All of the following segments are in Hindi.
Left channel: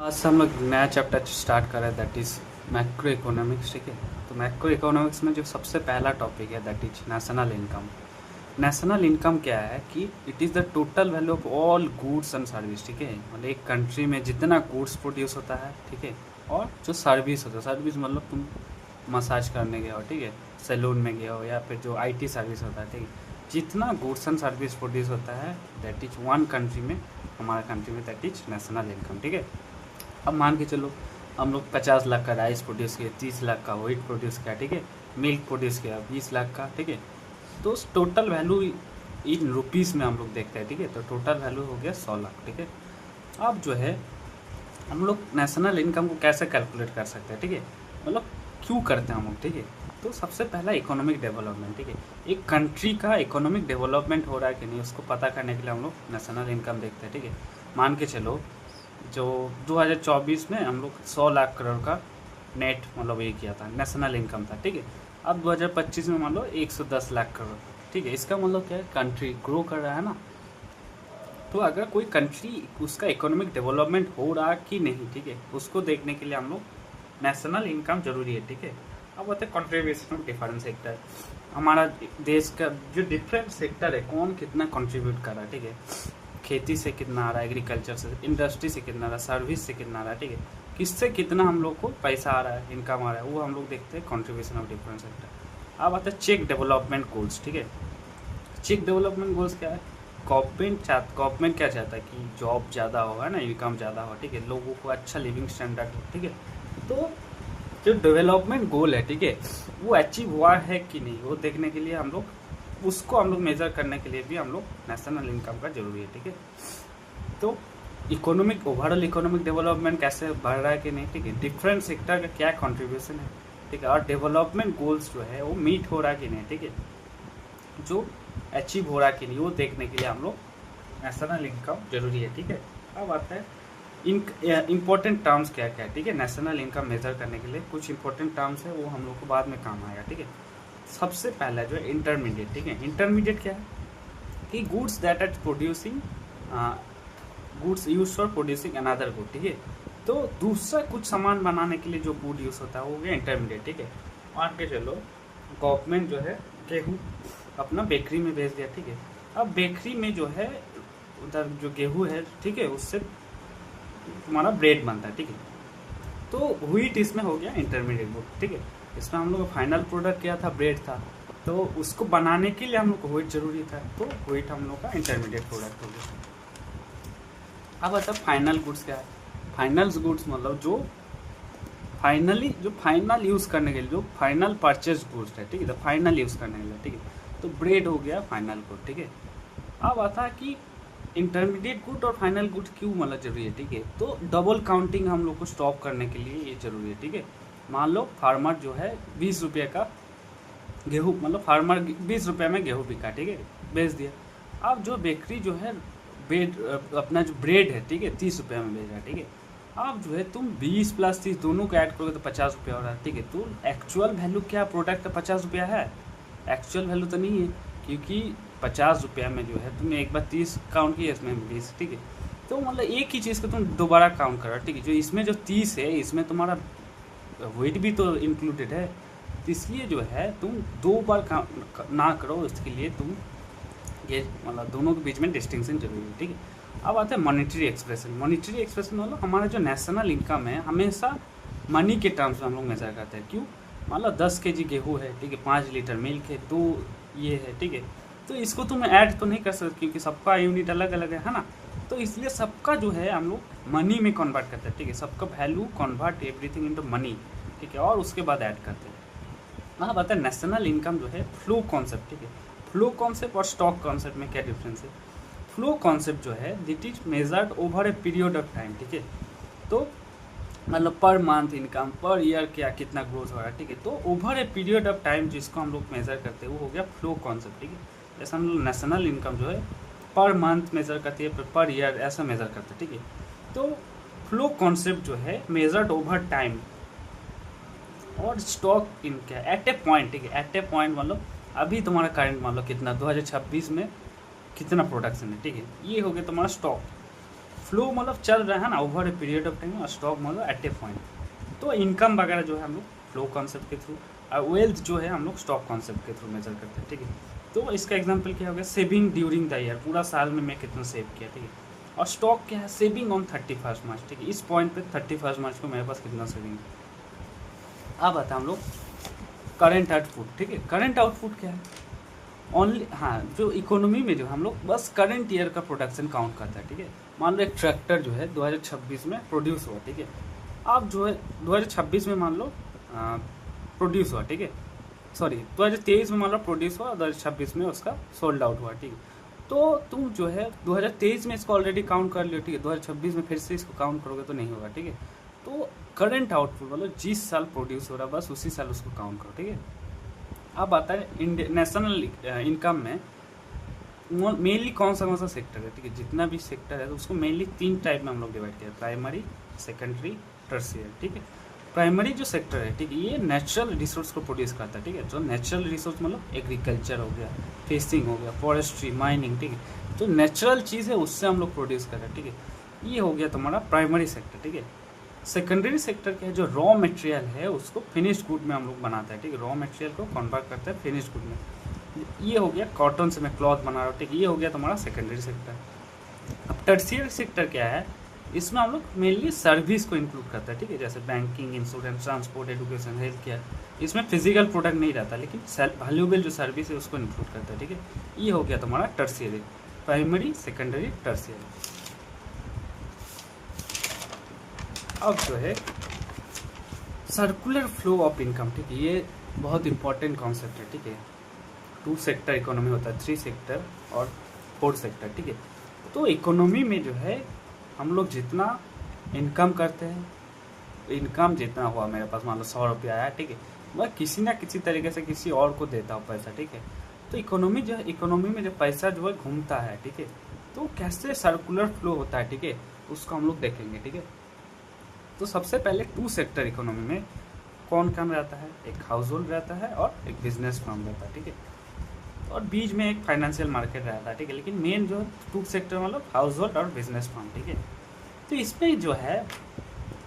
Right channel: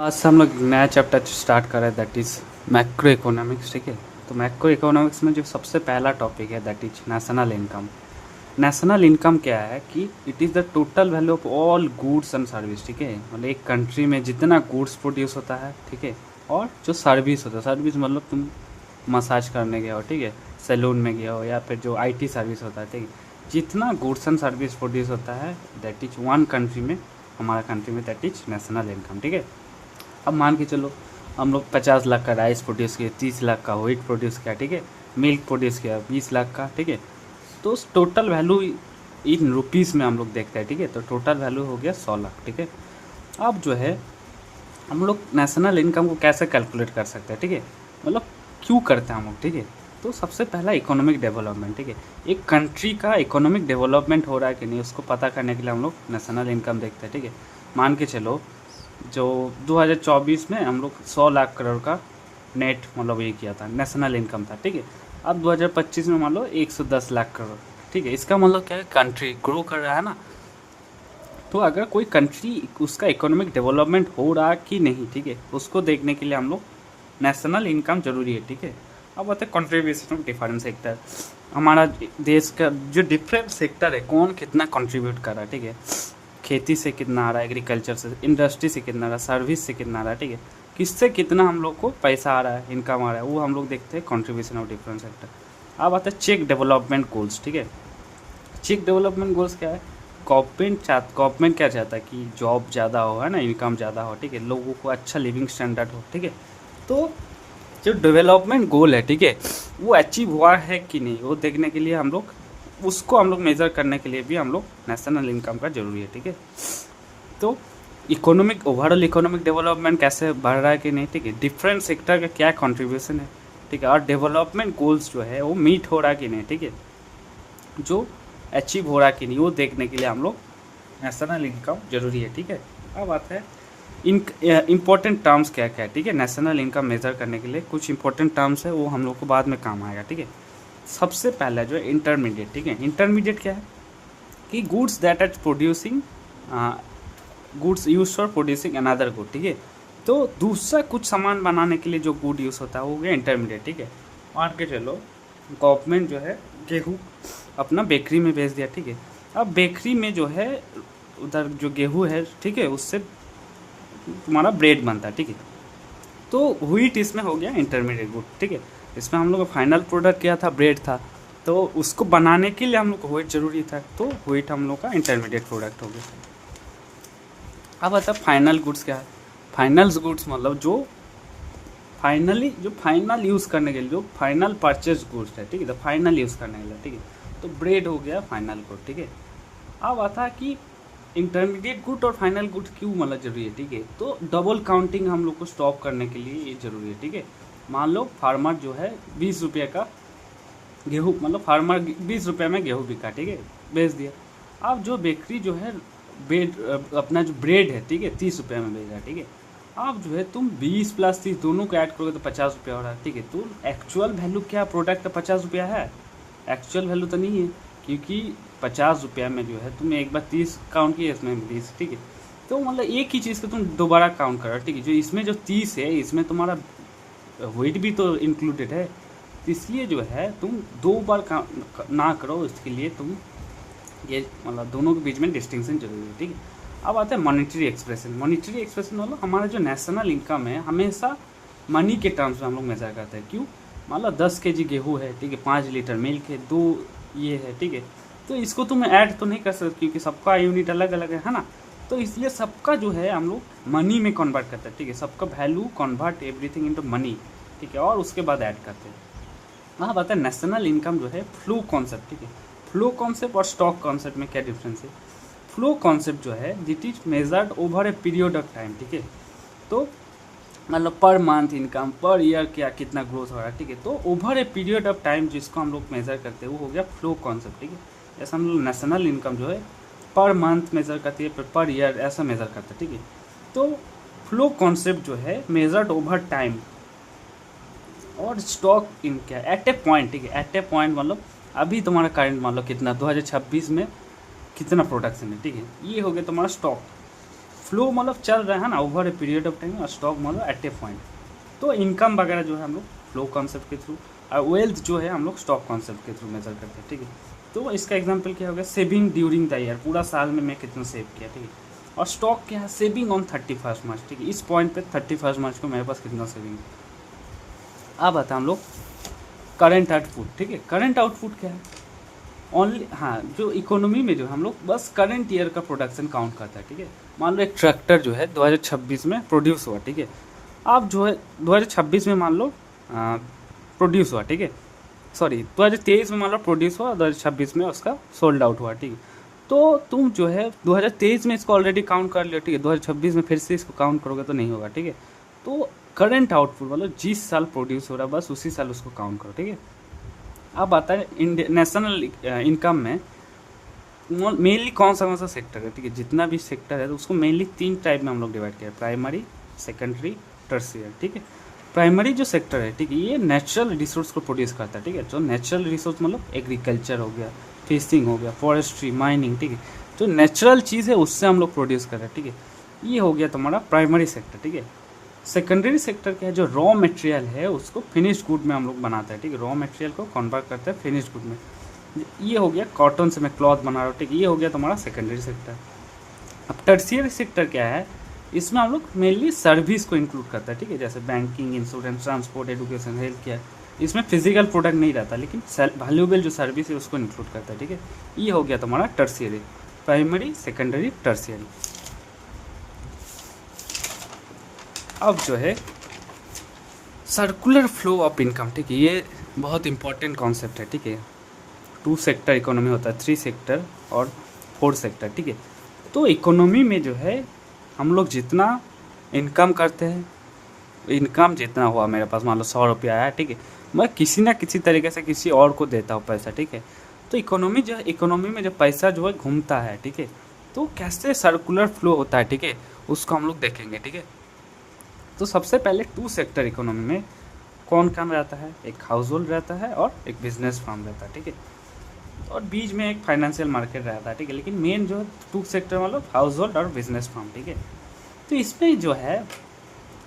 आज से हम लोग नया चैप्टर स्टार्ट कर रहे हैं दैट इज़ मैक्रो इकोनॉमिक्स। ठीक है, तो मैक्रो इकोनॉमिक्स में जो सबसे पहला टॉपिक है that is national income. National income क्या है कि it is the total value of all goods and service. ठीक है, मतलब एक कंट्री में जितना गुड्स प्रोड्यूस होता है, ठीक है, और जो सर्विस होता है, सर्विस मतलब तुम मसाज करने गए हो, ठीक है, सैलून में गए हो, या फिर जो आईटी सर्विस होता है, ठीक है, जितना गुड्स एंड सर्विस प्रोड्यूस होता है दैट इज वन कंट्री में, हमारा कंट्री में, दैट इज नेशनल इनकम। ठीक है, अब मान के चलो हम लोग 50 लाख का राइस प्रोड्यूस किया, 30 लाख का व्हीट प्रोड्यूस किया, ठीक है, मिल्क प्रोड्यूस किया 20 लाख का, ठीक है, तो टोटल वैल्यू इन रुपीज़ में हम लोग देखते हैं। ठीक है, तो टोटल वैल्यू हो गया 100 लाख। ठीक है, अब जो है हम लोग नेशनल इनकम को कैसे कैलकुलेट कर सकते हैं, ठीक है, मतलब क्यों करते हैं हम लोग। ठीक है, तो सबसे पहला इकोनॉमिक डेवलपमेंट। ठीक है, एक कंट्री का इकोनॉमिक डेवलपमेंट हो रहा है कि नहीं उसको पता करने के लिए हम लोग नेशनल इनकम देखते हैं। ठीक है, मान के चलो जो 2024 में हम लोग 100 लाख करोड़ का नेट मतलब ये किया था, नेशनल इनकम था। ठीक है, अब 2025 में मान लो 110 लाख करोड़। ठीक है, इसका मतलब क्या है, कंट्री ग्रो कर रहा है ना। तो अगर कोई कंट्री उसका इकोनॉमिक डेवलपमेंट हो रहा कि नहीं, ठीक है, उसको देखने के लिए हम लोग नेशनल इनकम जरूरी है। ठीक है, अब आते हैं कंट्रीब्यूशन ऑफ डिफरेंट सेक्टर। हमारा देश का जो डिफरेंट सेक्टर है कौन कितना कंट्रीब्यूट कर रहा है। ठीक है, खेती से कितना आ रहा है, एग्रीकल्चर से, इंडस्ट्री से कितना आ रहा है, सर्विस से कितना आ रहा है, ठीक है, किससे कितना हम लोग को पैसा आ रहा है, इनकम आ रहा है, वो हम लोग देखते हैं कंट्रीब्यूशन ऑफ डिफरेंट सेक्टर। अब आता है चेक डेवलपमेंट गोल्स। ठीक है, चेक डेवलपमेंट गोल्स क्या है, गवर्नमेंट क्या चाहता है कि जॉब ज़्यादा हो, है ना, इनकम ज़्यादा हो, ठीक है, लोगों को अच्छा लिविंग स्टैंडर्ड हो। ठीक है, तो जो डेवलपमेंट गोल है, ठीक है, वो अचीव हुआ है कि नहीं वो देखने के लिए हम लोग उसको हम लोग मेज़र करने के लिए भी हम लोग नेशनल इनकम का जरूरी है। ठीक है, तो इकोनॉमिक ओवरऑल इकोनॉमिक डेवलपमेंट कैसे बढ़ रहा है कि नहीं, ठीक है, डिफरेंट सेक्टर का क्या कंट्रीब्यूशन है, ठीक है, और डेवलपमेंट गोल्स जो है वो मीट हो रहा है कि नहीं, ठीक है, जो अचीव हो रहा है कि नहीं वो देखने के लिए हम लोग नेशनल इनकम जरूरी है। ठीक है, अब आता है इन इम्पोर्टेंट टर्म्स क्या क्या है। ठीक है, नेशनल इनकम मेजर करने के लिए कुछ इंपॉर्टेंट टर्म्स है, वो हम लोग को बाद में काम आएगा। ठीक है, सबसे पहला जो है इंटरमीडिएट। ठीक है, इंटरमीडिएट क्या है कि goods that are producing goods use for producing another good. ठीक है, तो दूसरा कुछ सामान बनाने के लिए जो गुड यूज़ होता है वो हो गया इंटरमीडिएट। ठीक है, मान के चलो गवर्नमेंट जो है गेहूँ अपना बेकरी में भेज दिया। ठीक है, अब बेकरी में जो है उधर जो गेहूँ है, ठीक है, उससे तुम्हारा ब्रेड बनता है। ठीक है, तो व्हीट इसमें हो गया इंटरमीडिएट गुड। ठीक है, इसमें हम लोग का फाइनल प्रोडक्ट क्या था, ब्रेड था, तो उसको बनाने के लिए हम लोग को व्हीट जरूरी था, तो व्हीट हम लोग का इंटरमीडिएट प्रोडक्ट हो गया। अब आता फाइनल गुड्स क्या है, फाइनल गुड्स मतलब जो फाइनल यूज़ करने के लिए जो फाइनल परचेज गुड्स है। ठीक है, तो फाइनल यूज़ करने के लिए, ठीक है, तो ब्रेड हो गया फाइनल गुड। ठीक है, अब आता है कि इंटरमीडिएट गुड और फाइनल गुड क्यों मतलब जरूरी है। ठीक है, तो डबल काउंटिंग हम लोग को स्टॉप करने के लिए ये जरूरी है। ठीक है, मान लो फार्मर जो है 20 रुपये का गेहूँ, मतलब फार्मर 20 रुपये में गेहूँ बिका, ठीक है, बेच दिया। अब जो बेकरी जो है अपना जो ब्रेड है, ठीक है, 30 रुपये में बेच रहा है। ठीक है, अब जो है तुम 20 + 30 दोनों को ऐड करोगे तो 50 रुपया हो रहा है। ठीक है, तो एक्चुअल वैल्यू क्या प्रोडक्ट का 50 रुपया है, एक्चुअल वैल्यू तो नहीं है, क्योंकि 50 रुपया में जो है तुमने एक बार 30 काउंट किया, इसमें 20। ठीक है, तो मतलब एक ही चीज़ को तुम दोबारा काउंट करो। ठीक है, जो इसमें जो 30 है इसमें तुम्हारा वेट भी तो इंक्लूडेड है, तो इसलिए जो है तुम 2 बार ना करो, इसके लिए तुम ये मतलब दोनों के बीच में डिस्टिंक्शन जरूरी है। ठीक है, अब आता है मॉनेटरी एक्सप्रेशन। मॉनेटरी एक्सप्रेशन मतलब हमारा जो नेशनल इनकम है हमेशा मनी के टर्म्स में हम लोग मेजर करते हैं। क्यों, मान लो 10 kg गेहूँ है, ठीक है, 5 लीटर मिल्क है, 2 ये है, ठीक है, तो इसको तुम ऐड तो नहीं कर सकते क्योंकि सबका यूनिट अलग अलग है ना, तो इसलिए सबका जो है हम लोग मनी में कन्वर्ट करते हैं। ठीक है, सबका value convert everything into money, ठीक है, और उसके बाद ऐड करते हैं। वहाँ बात है नेशनल इनकम जो है फ्लो कॉन्सेप्ट। ठीक है, फ्लो कॉन्सेप्ट और स्टॉक कॉन्सेप्ट में क्या डिफरेंस है। फ्लो कॉन्सेप्ट जो है that is measured over a period of time. ठीक है, तो मतलब per month income, per year क्या कितना ग्रोथ हो रहा है। ठीक है, तो over a period of time जिसको हम लोग मेजर करते हैं वो हो गया फ्लो कॉन्सेप्ट। ठीक है, जैसे हम लोग नेशनल इनकम जो है पर मंथ मेजर करते हैं, पर ईयर ऐसा मेजर करते हैं। ठीक है, तो फ्लो कॉन्सेप्ट जो है मेजर्ड ओवर टाइम, और स्टॉक इन क्या एट ए पॉइंट। ठीक है, एट ए पॉइंट मतलब अभी तुम्हारा करंट मान लो कितना 2026 में कितना प्रोडक्शन है। ठीक है, ये हो गया तुम्हारा स्टॉक। फ्लो मतलब चल रहा है ना over a period of time, stock मतलब एट ए पॉइंट। तो इनकम वगैरह जो है हम लोग फ्लो कॉन्सेप्ट के थ्रू, और वेल्थ जो है हम लोग स्टॉक कॉन्सेप्ट के थ्रू मेजर करते हैं, ठीक है। तो इसका एग्जांपल क्या हो गया, सेविंग ड्यूरिंग द ईयर, पूरा साल में मैं कितना सेव किया, ठीक है। और स्टॉक क्या है, सेविंग ऑन 31 मार्च, ठीक है। इस पॉइंट पे 31 मार्च को मेरे पास कितना सेविंग है। अब आता हम लोग करंट आउटपुट, ठीक है। करंट आउटपुट क्या है, ओनली, हाँ, जो इकोनॉमी में जो हम लोग बस करंट ईयर का प्रोडक्शन काउंट करता है, ठीक है। मान लो एक ट्रैक्टर जो है 2026 में प्रोड्यूस हुआ, ठीक है। आप जो है 2026 में मान लो प्रोड्यूस हुआ, ठीक है। सॉरी 2023 में मान लो प्रोड्यूस हुआ, 2026 में उसका सोल्ड आउट हुआ, ठीक है। तो तुम जो है 2023 में इसको ऑलरेडी काउंट कर लियो, ठीक है। 2026 में फिर से इसको काउंट करोगे तो नहीं होगा, ठीक है। तो करंट आउटपुट मतलब जिस साल प्रोड्यूस हो रहा है बस उसी साल उसको काउंट करो, ठीक है। अब आता है इंडिया नेशनल इनकम में मेनली कौन सा सेक्टर है, ठीक है। जितना भी सेक्टर है तो उसको मेनली 3 टाइप में हम लोग डिवाइड किया, प्राइमरी, सेकेंडरी, टर्शियर, ठीक है। प्राइमरी जो सेक्टर है, ठीक है, ये नेचुरल रिसोर्स को प्रोड्यूस करता है, ठीक है। जो नेचुरल रिसोर्स मतलब एग्रीकल्चर हो गया, फिशिंग हो गया, फॉरेस्ट्री, माइनिंग, ठीक है। जो नेचुरल चीज़ है उससे हम लोग प्रोड्यूस कर रहे हैं, ठीक है। ये हो गया तुम्हारा प्राइमरी सेक्टर, ठीक है। सेकेंडरी सेक्टर क्या है, जो रॉ मटेरियल है उसको फिनिश्ड गुड में हम लोग बनाते हैं, ठीक है। रॉ मटेरियल को कन्वर्ट करते हैं फिनिश्ड गुड में। ये हो गया कॉटन से मैं क्लॉथ बना रहा हूँ, ठीक है। ये हो गया तुम्हारा सेकेंडरी सेक्टर। अब टर्शियरी सेक्टर क्या है, इसमें हम लोग मेनली सर्विस को इंक्लूड करता है, ठीक है। जैसे banking, insurance, transport, education, health care. इसमें फिजिकल प्रोडक्ट नहीं रहता लेकिन वैल्यूएबल जो सर्विस है उसको इंक्लूड करता है, ठीक है। ये हो गया तुम्हारा टर्शियरी, प्राइमरी, सेकेंडरी, टर्शियरी। अब जो है सर्कुलर फ्लो ऑफ इनकम, ठीक है। ये बहुत इंपॉर्टेंट कॉन्सेप्ट है, ठीक है। 2 सेक्टर इकोनॉमी होता है, 3 सेक्टर और 4 सेक्टर, ठीक है। तो इकोनॉमी में जो है हम लोग जितना इनकम करते हैं, इनकम जितना हुआ मेरे पास, मान लो 100 रुपया आया, ठीक है, मैं किसी ना किसी तरीके से किसी और को देता हूँ पैसा, ठीक है। तो इकोनॉमी जो है, इकोनॉमी में जो पैसा जो है घूमता है, ठीक है। तो कैसे सर्कुलर फ्लो होता है, ठीक है, उसको हम लोग देखेंगे, ठीक है। तो सबसे पहले 2 सेक्टर इकोनॉमी में कौन कौन रहता है, एक हाउस होल्ड रहता है और एक बिजनेस फर्म रहता है, ठीक है। और बीच में एक फाइनेंशियल मार्केट रहता है, ठीक है। लेकिन मेन जो 2 सेक्टर मतलब हाउस होल्ड और बिजनेस फर्म, ठीक है। तो इसमें जो है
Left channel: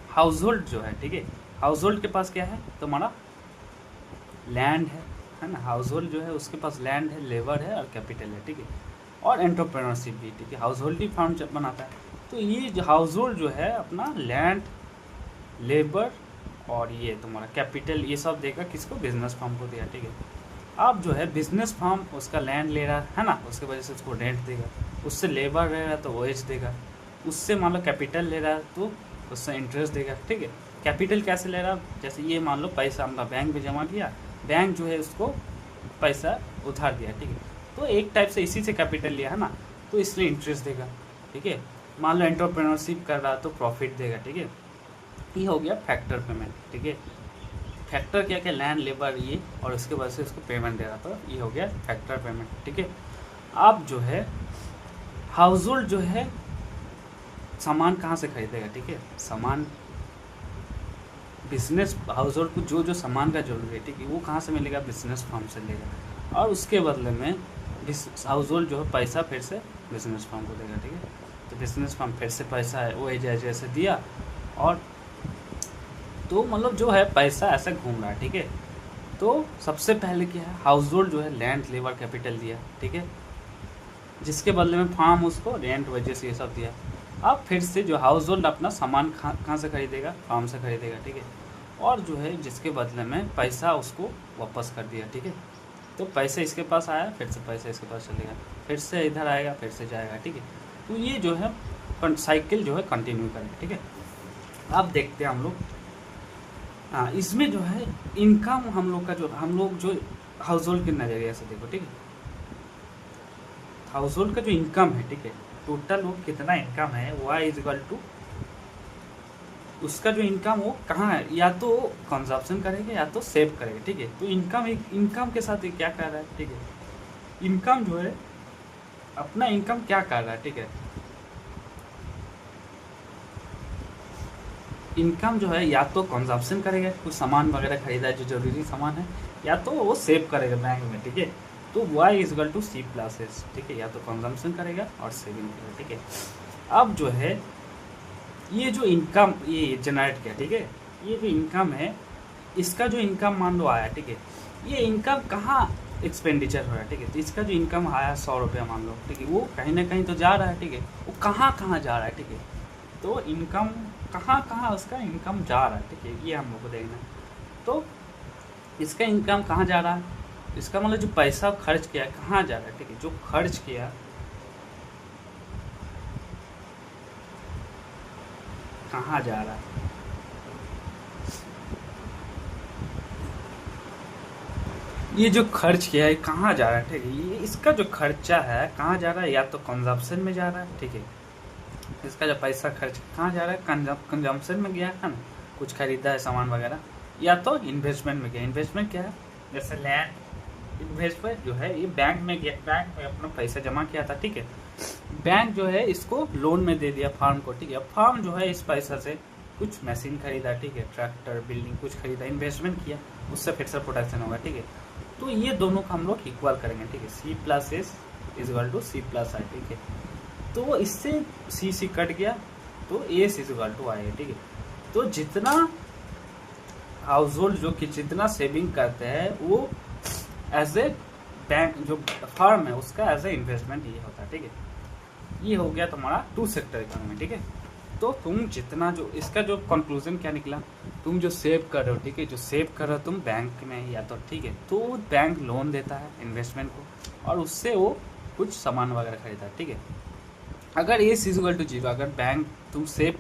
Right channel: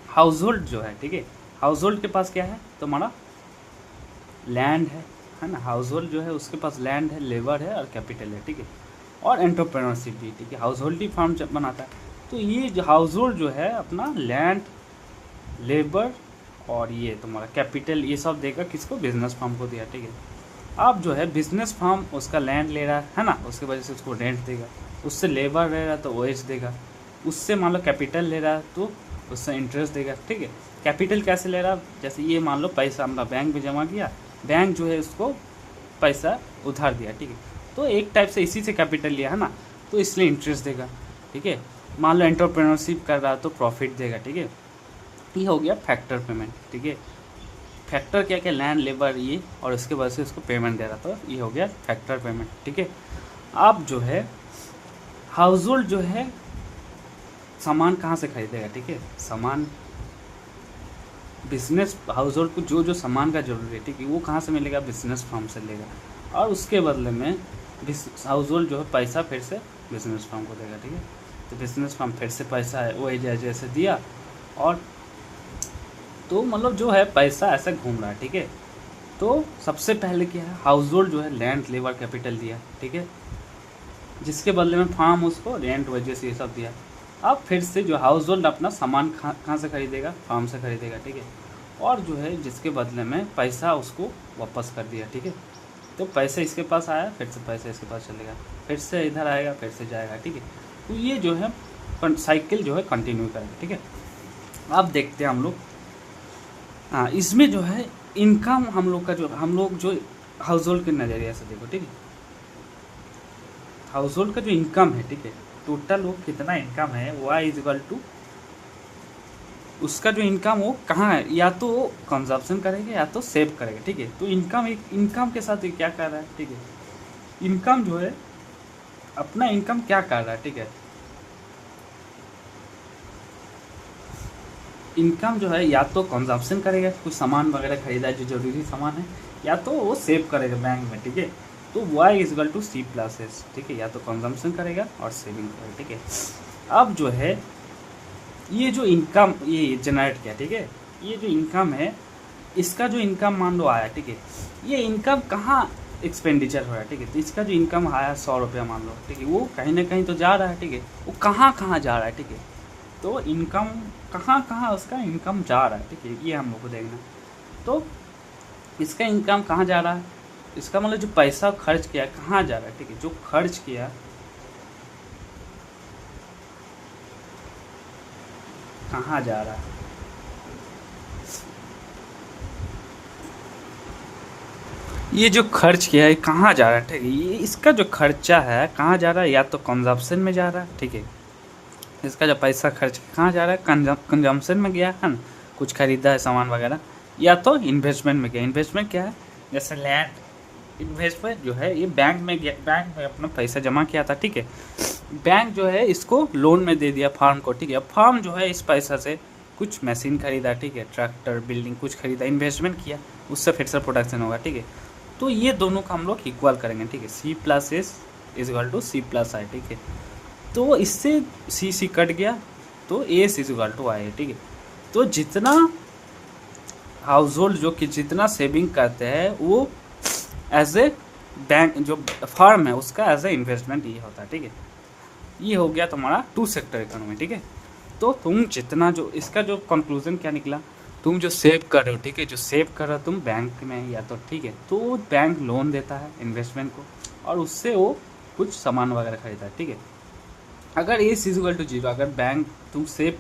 हाउस होल्ड जो है, ठीक है, हाउस होल्ड के पास क्या है, तुम्हारा लैंड है ना। हाउस होल्ड जो है उसके पास लैंड है, लेबर है और कैपिटल है, ठीक है। और एंटरप्रेन्योरशिप भी, ठीक है। हाउस होल्ड ही फर्म बनाता है। तो ये जो हाउस होल्ड जो है अपना लैंड, लेबर और ये तुम्हारा कैपिटल, ये सब देगा किसको, बिजनेस फर्म को दिया, ठीक है। अब जो है बिजनेस फर्म उसका लैंड ले रहा है ना, उसकी वजह से उसको रेंट देगा, उससे लेबर ले रहा है तो ओएच देगा, उससे मान लो कैपिटल ले रहा है तो उससे इंटरेस्ट देगा, ठीक है। कैपिटल कैसे ले रहा है, जैसे ये मान लो पैसा अपना बैंक में जमा किया, बैंक जो है उसको पैसा उधार दिया, ठीक है। तो एक टाइप से इसी से कैपिटल लिया है ना, तो इसलिए इंटरेस्ट देगा, ठीक है। मान लो एंटरप्रेन्योरशिप कर रहा है तो प्रॉफिट देगा, ठीक है। ये हो गया फैक्टर पेमेंट, ठीक है। फैक्टर क्या क्या, लैंड, लेबर, ये, और उसके बाद से इसको पेमेंट दे रहा, तो ये हो गया फैक्टर पेमेंट, ठीक है। अब जो है हाउस होल्ड जो है सामान कहाँ से खरीदेगा, ठीक है। सामान बिजनेस हाउस होल्ड को जो जो सामान का जरूरत है, ठीक है, वो कहाँ से मिलेगा, बिजनेस फर्म से लेगा। और उसके बदले में हाउस होल्ड जो है पैसा फिर से बिजनेस फर्म को देगा, ठीक है। तो बिजनेस फर्म फिर से पैसा है वो जैसे दिया, और तो मतलब जो है पैसा ऐसा घूम रहा है, ठीक है। तो सबसे पहले क्या है, हाउस होल्ड जो है लैंड, लेबर, कैपिटल दिया, ठीक है, जिसके बदले में फार्म उसको रेंट, वजह ये सब दिया। अब फिर से जो हाउस होल्ड अपना सामान कहाँ से खरीदेगा, फार्म से खरीदेगा, ठीक है। और जो है जिसके बदले में पैसा उसको वापस कर दिया, ठीक है। तो पैसे इसके पास आया, फिर से पैसा इसके पास चलेगा, फिर से इधर आएगा, फिर से जाएगा, ठीक है। तो ये जो है साइकिल जो है कंटिन्यू करेगा, ठीक है। अब देखते हैं हम लोग, हाँ, इसमें जो है इनकम हम लोग का जो हाउस होल्ड के नज़रिए से देखो, ठीक है। हाउस होल्ड का जो इनकम है, ठीक है, टोटल वो कितना इनकम है, वाई इज इक्वल टू उसका जो इनकम वो कहाँ है, या तो कंजप्शन करेगा या तो सेव करेगा, ठीक है। तो इनकम के साथ ये क्या कर रहा है, ठीक है। इनकम जो है अपना इनकम क्या कर रहा है, ठीक है। इनकम जो है या तो कंजप्शन करेगा, कुछ सामान वगैरह खरीदा है जो जरूरी सामान है, या तो वो सेव करेगा बैंक में, ठीक है। तो y is equal to C plus S, ठीक है। या तो कंजम्पशन करेगा और सेविंग करेगा, ठीक है। अब जो है ये जो इनकम ये जनरेट किया, ठीक है, ये जो इनकम है, इसका जो इनकम मान लो आया, ठीक है, ये इनकम कहाँ एक्सपेंडिचर हो रहा है, ठीक है, तो इसका जो इनकम आया 100 रुपया मान लो, ठीक है, वो कहीं ना कहीं तो जा रहा है, ठीक है, वो कहाँ कहाँ जा रहा है, ठीक है, तो इनकम कहाँ कहाँ उसका इनकम जा रहा है, ठीक है, ये हम लोग को देखना है। तो इसका इनकम कहाँ जा रहा है, इसका मतलब जो पैसा खर्च किया कहाँ जा रहा है, ठीक है, जो खर्च किया कहाँ जा रहा है, ये जो खर्च किया है कहाँ जा रहा है, ठीक है, ये इसका जो खर्चा है कहाँ जा रहा है, या तो कंजप्शन में जा रहा है, ठीक है, इसका जो पैसा खर्च कहाँ जा रहा है, कंजम्पशन में गया है ना, कुछ खरीदा है सामान वगैरह, या तो इन्वेस्टमेंट में गया। इन्वेस्टमेंट क्या है, जैसे लैंड इन्वेस्टमेंट जो है ये बैंक में गया, बैंक में अपना पैसा जमा किया था, ठीक है, बैंक जो है इसको लोन में दे दिया फार्म को, ठीक है, अब फार्म जो है इस पैसा से कुछ मशीन खरीदा, ठीक है, ट्रैक्टर बिल्डिंग कुछ खरीदा, इन्वेस्टमेंट किया, उससे फिर से प्रोडक्शन होगा, ठीक है, तो ये दोनों को हम लोग इक्वल करेंगे, ठीक है, C plus S is equal to C plus I, ठीक है, तो इससे सी कट गया तो S is equal to I, ठीक है, तो जितना हाउस होल्ड जो कि जितना सेविंग करते हैं वो एज ए बैंक जो फर्म है उसका एज ए इन्वेस्टमेंट ये होता है, ठीक है, ये हो गया तुम्हारा टू सेक्टर इकोनॉमी, ठीक है, तो तुम जितना जो इसका जो कंक्लूजन क्या निकला, तुम जो सेव कर रहे हो, ठीक है, जो सेव कर रहे हो तुम बैंक में या तो, ठीक है, तो बैंक लोन देता है इन्वेस्टमेंट को और उससे वो कुछ सामान वगैरह खरीदता है, ठीक है, अगर ए इक्वल टू जीरो, अगर बैंक तुम सेव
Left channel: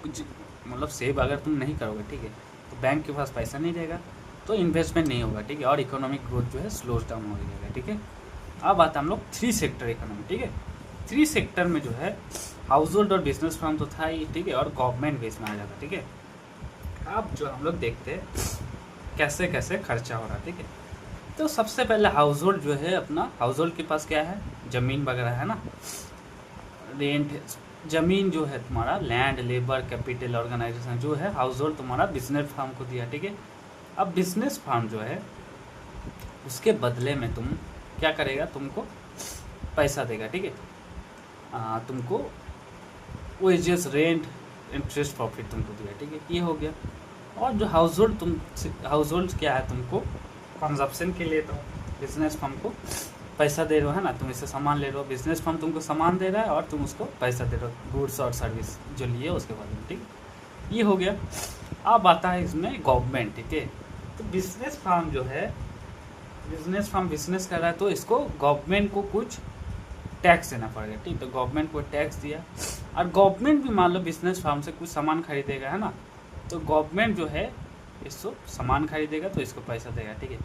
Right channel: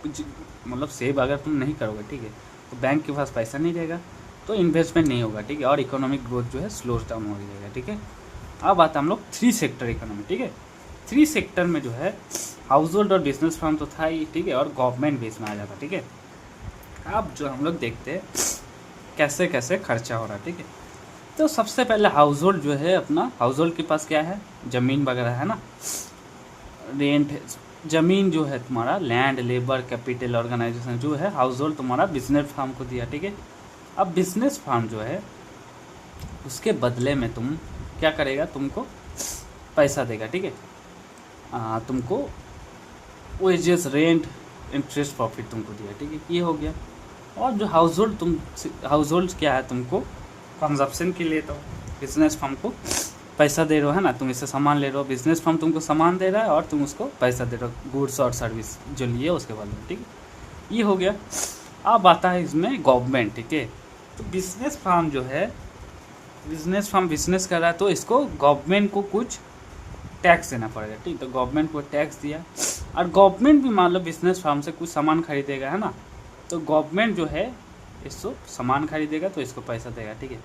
मतलब सेव अगर तुम नहीं करोगे, ठीक है, तो बैंक के पास पैसा नहीं रहेगा तो इन्वेस्टमेंट नहीं होगा, ठीक है, और इकोनॉमिक ग्रोथ जो है स्लो डाउन हो जाएगा, ठीक है। अब आता हम लोग 3 सेक्टर इकोनॉमी, ठीक है, 3 सेक्टर में जो है हाउस होल्ड और बिजनेस फर्म तो था ही, ठीक है, और गवर्नमेंट बेस में आ जाता, ठीक है। अब जो हम लोग देखते हैं कैसे कैसे खर्चा हो रहा है, ठीक है, तो सबसे पहले हाउस होल्ड जो है अपना, हाउस होल्ड के पास क्या है, ज़मीन वगैरह है ना, रेंट, ज़मीन जो है तुम्हारा लैंड लेबर कैपिटल ऑर्गेनाइजेशन जो है हाउस होल्ड तुम्हारा बिजनेस फार्म को दिया, ठीक है। अब बिजनेस फार्म जो है उसके बदले में तुम क्या करेगा, तुमको पैसा देगा, ठीक है, तुमको वेजेस रेंट इंटरेस्ट प्रॉफिट तुमको दिया, ठीक है, ये हो गया। और जो हाउस होल्ड हाउस होल्ड क्या है, तुमको कंजप्शन के लिए तो बिजनेस फर्म को पैसा दे रहे हो है ना, तुम इससे सामान ले रहे हो, बिजनेस फर्म तुमको सामान दे रहा है और तुम उसको पैसा दे रहे हो गुड्स और सर्विस जो लिए उसके बारे में, ठीक है, ये हो गया। अब आता है इसमें गवर्नमेंट, ठीक है, तो बिजनेस फार्म जो है, बिजनेस फार्म बिजनेस कर रहा है तो इसको गवर्नमेंट को कुछ टैक्स देना पड़ेगा, ठीक, तो गवर्नमेंट को टैक्स दिया, और गवर्नमेंट भी मान लो बिजनेस फार्म से कुछ सामान खरीदेगा है ना, तो गवर्नमेंट जो है इसको सामान खरीदेगा तो इसको पैसा देगा, ठीक है।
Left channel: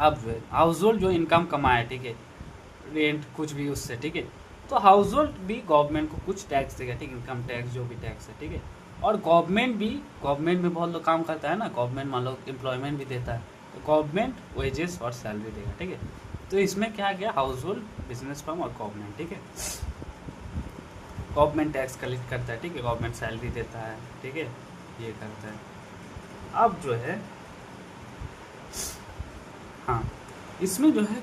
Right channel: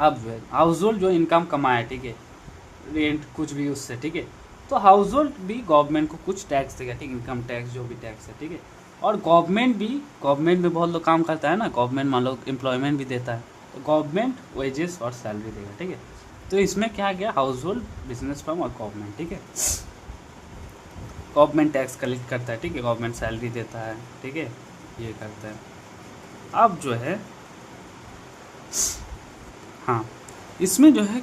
अब हाउस होल्ड जो इनकम कमाया, ठीक है, रेंट कुछ भी उससे, ठीक है, तो हाउस होल्ड भी गवर्नमेंट को कुछ टैक्स देगा, ठीक, इनकम टैक्स जो भी टैक्स है, ठीक है, और गवर्नमेंट भी बहुत लोग काम करता है ना, गवर्नमेंट मान लो एम्प्लॉयमेंट भी देता है, तो गवर्नमेंट वेजेस और सैलरी देगा, ठीक है, तो इसमें क्या गया, हाउस होल्ड बिजनेस फर्म और गवर्नमेंट, ठीक है, गवर्नमेंट टैक्स कलेक्ट करता है, ठीक है, गवर्नमेंट सैलरी देता है, ठीक है, ये करता है। अब जो है हाँ, इसमें जो है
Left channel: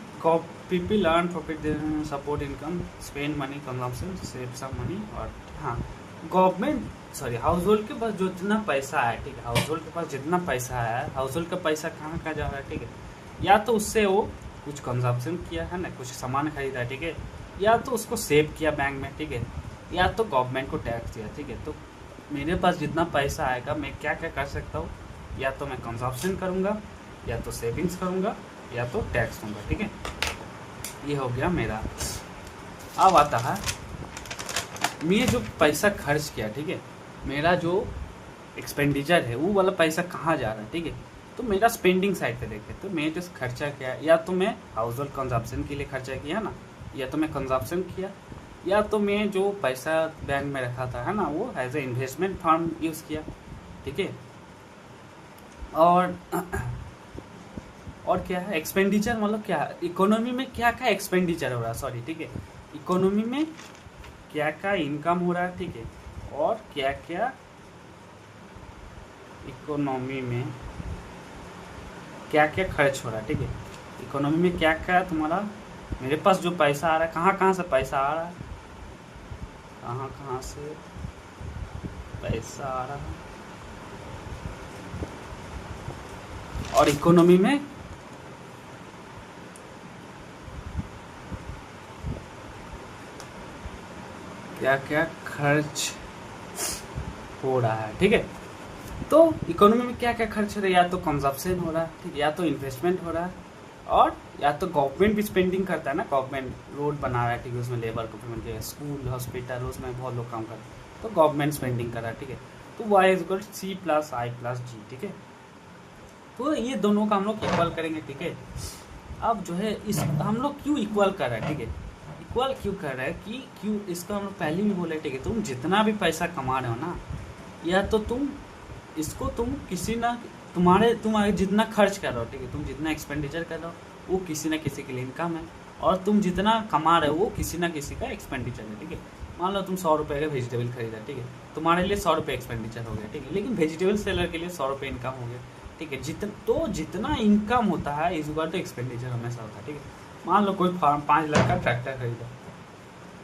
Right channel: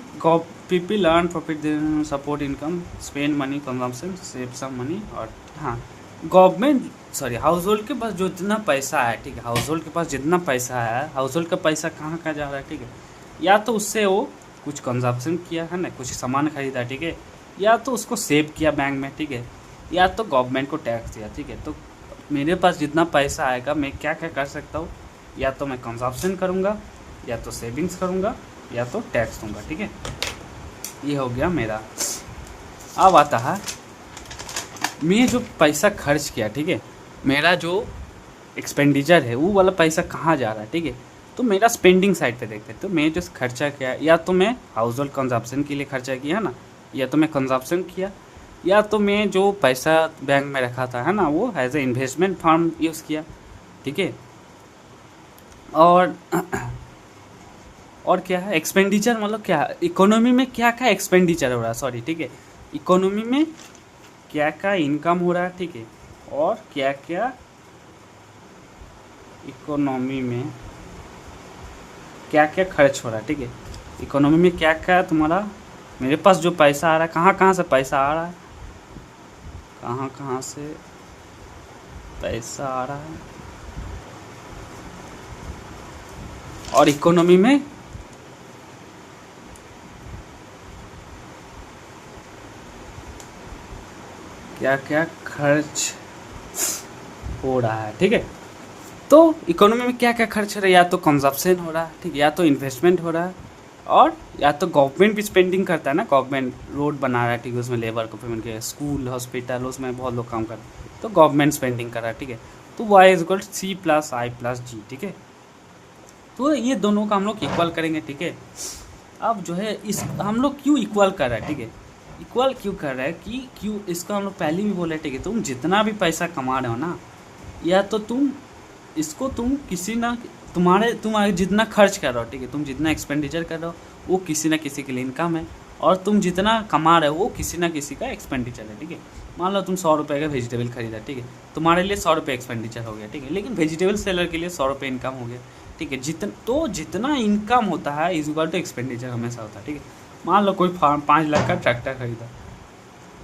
people earn profit support income spend money consumption save some money, और हाँ गवर्नमेंट हाउस होल्ड के पास जो जितना पैसा है, ठीक है, हाउस होल्ड के पास जितना पैसा है, हाउस होल्ड का पैसा कहाँ कहाँ जा रहा है, ठीक है, या तो उससे वो कुछ कंजम्पशन किया है ना, कुछ सामान खरीदा, ठीक है, या तो उसको सेव किया बैंक में, ठीक है, या तो गवर्नमेंट को टैक्स दिया, ठीक है, तो मेरे पास जितना पैसा आएगा मैं क्या क्या कर सकता हूँ, या तो मैं कंजम्पशन करूँगा, या तो सेविंग्स करूँगा, या तो टैक्स दूँगा, ठीक है, ये हो गया मेरा। अब आता है मैं जो पैसा खर्च किया, ठीक है, मेरा जो एक्सपेंडिचर है वो वाला पैसा कहाँ जा रहा है, ठीक है, तो मेरा स्पेंडिंग साइड पे देखते हैं, तो मैं जो खर्चा किया, या तो मैं हाउस होल्ड कंजप्शन के लिए खर्चा किया ना, या तो मैं कंजप्शन किया, या तो मैं जो पैसा बैंक में रखा था है ना वो as a investment fund use किया, ठीक है, और क्या है एक्सपेंडिचर, मतलब क्या इकोनॉमी में क्या क्या एक्सपेंडिचर हो रहा है, सॉरी, ठीक है, इकोनॉमी में क्या क्या इनकम हो रहा है, ठीक है, और क्या क्या इकोनॉमी में क्या क्या खर्च हो रहा है, ठीक है, इकोनॉमी में क्या क्या तुम्हारा मेरे पास जो पैसा आ रहा है, कहाँ कहाँ से पैसा आ रहा है, कहाँ कहाँ से पैसा आ रहा है। और इकोनॉमी में क्या क्या खर्च हो रहा है, ठीक है। तो इकोनॉमी में क्या क्या खर्च हो रहा है, या तो कंजप्शन हो रहा है, ठीक है, या तो इन्वेस्टमेंट हो रहा है, और या तो गवर्नमेंट भी स्पेंडिंग करता है ना, गवर्नमेंट रोड बना रहा है, ठीक है, उसमें लेबर को पेमेंट किया, स्कूल हॉस्पिटल उसमें बहुत लोग काम कर रहे हैं, तो गवर्नमेंट स्पेंडिंग कर रहा है, ठीक है। तो Y is equal C plus I plus G, ठीक है। तो ये दोनों का हम लोग इक्वल करेंगे, ठीक है। अब जो है इस हम लोग क्यों इक्वल कर रहे हैं, ठीक है, इक्वल क्यों कर रहा है कि क्यों इसका हम लोग पहले भी बोले, ठीक है, तुम जितना भी पैसा कमा रहे हो ना, या तो तुम इसको तुम किसी ना तुम्हारे जितना खर्च कर रहे हो, ठीक है, तुम जितना एक्सपेंडिचर कर रहे हो वो किसी ना किसी के लिए इनकम है, और तुम जितना कमा रहे हो वो किसी ना किसी का एक्सपेंडिचर है, ठीक है। मान लो तुम 100 रुपये का वेजिटेबल खरीदा, ठीक है, तुम्हारे लिए 100 रुपये एक्सपेंडिचर हो गया, ठीक है, लेकिन वेजिटेबल सेलर के लिए 100 रुपये इनकम हो गया, ठीक है। जितना इनकम होता है इज इक्वल टू एक्सपेंडिचर हमेशा होता है, ठीक है। मान लो कोई 5 लाख का ट्रैक्टर खरीदा,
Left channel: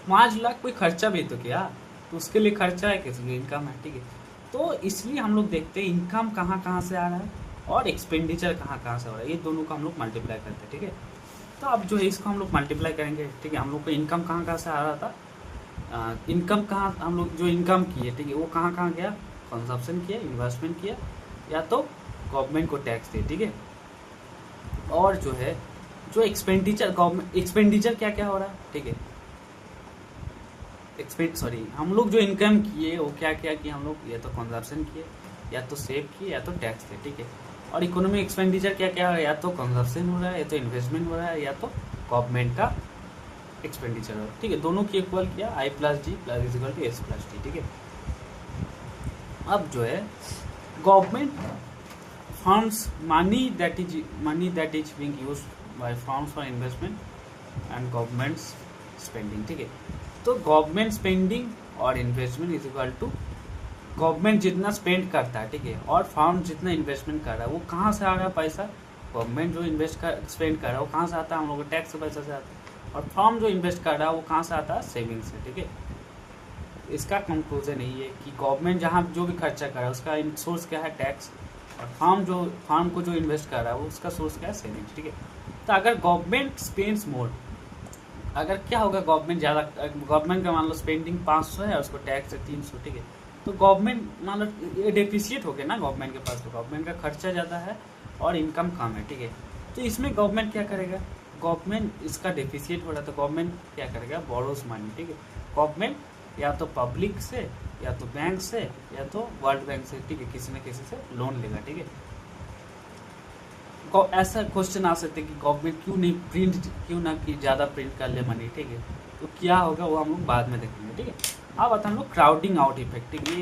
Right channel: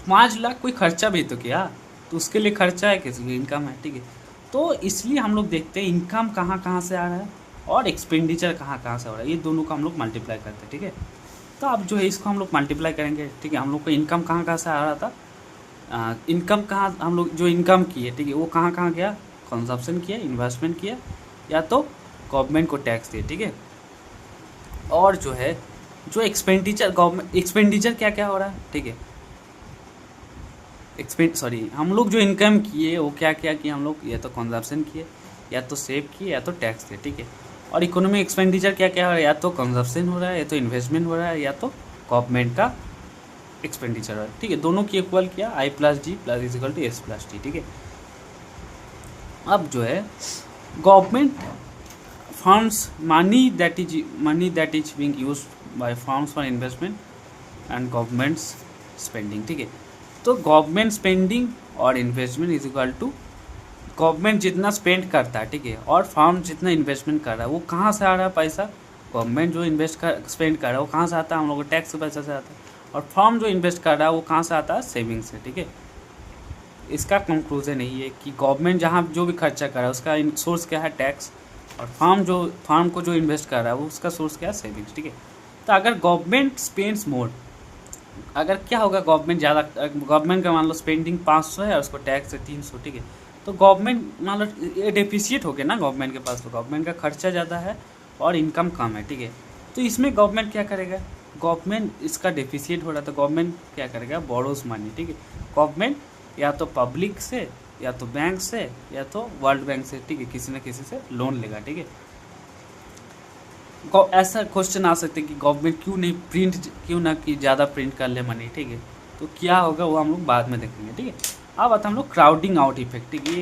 5 लाख कोई खर्चा भी तो किया, तो उसके लिए खर्चा है, किसी की इनकम है, ठीक है। तो इसलिए हम लोग देखते हैं इनकम कहाँ कहाँ से आ रहा है और एक्सपेंडिचर कहाँ कहाँ से हो रहा है, ये दोनों का हम लोग मल्टीप्लाई करते हैं, ठीक है। तो अब जो है इसको हम लोग मल्टीप्लाई करेंगे, ठीक है। हम लोग को इनकम कहाँ कहाँ से आ रहा था, इनकम कहाँ हम लोग जो इनकम किए, ठीक है, वो कहाँ कहाँ गया, कंजप्शन किया, इन्वेस्टमेंट किया, या तो गवर्नमेंट को टैक्स दिए, ठीक है। और जो है जो एक्सपेंडिचर गवर्नमेंट एक्सपेंडिचर क्या क्या हो रहा है, ठीक है, हम लोग जो इनकम किए वो क्या क्या किए, हम लोग या तो कंजप्शन किए, या तो सेव किए, या तो टैक्स दिए, ठीक है। और इकोनॉमिक एक्सपेंडिचर क्या क्या हो रहा है, या तो कंजप्शन हो रहा है, या तो इन्वेस्टमेंट हो रहा है, या तो गवर्नमेंट का एक्सपेंडिचर हो रहा है, ठीक है। दोनों की इक्वल किया, I plus G plus is equal to S plus T, ठीक है। अब जो है government funds money that is being used by firms for investment and governments spending, ठीक है। तो गवर्नमेंट स्पेंडिंग और investment is equal to government जितना स्पेंड करता है, ठीक है, और फर्म जितना इन्वेस्टमेंट कर रहा है, वो कहाँ से आ रहा है पैसा, गवर्नमेंट जो स्पेंड कर रहा है वो कहाँ से आता है, हम लोग को टैक्स से पैसा से आता है, और फर्म जो इन्वेस्ट कर रहा है वो कहाँ से आता है, सेविंग से, ठीक है। इसका कंक्लूजन यही है कि गवर्नमेंट जहाँ जो भी खर्चा कर रहा है उसका सोर्स क्या है, टैक्स, और फर्म को जो इन्वेस्ट कर रहा है वो उसका सोर्स क्या है, सेविंग्स, ठीक है। तो अगर गवर्नमेंट स्पेंड्स मोर, अगर क्या होगा, गवर्नमेंट का मान लो स्पेंडिंग 500 है और उसको टैक्स है 300, ठीक है, तो गवर्नमेंट मान लो ये डेफिशिएट हो गया ना गवर्नमेंट के पास, तो गवर्नमेंट का खर्चा ज़्यादा है और इनकम कम है, ठीक है। तो इसमें गवर्नमेंट क्या करेगा, गवर्नमेंट इसका डेफिशिएट हो रहा है तो गवर्नमेंट क्या करेगा, बोरोज मनी, ठीक है। गवर्नमेंट या तो पब्लिक से, या तो बैंक से, या तो वर्ल्ड बैंक से, ठीक है, किसी न किसी से लोन लेगा, ठीक है। ऐसा क्वेश्चन आ सकते हैं कि गवर्नमेंट क्यों ना कि ज़्यादा प्रिंट कर ले मनी, ठीक है। तो क्या होगा वो हम लोग बाद में देखेंगे, ठीक है। अब आता हम लोग क्राउडिंग आउट इफेक्ट, ठीक है,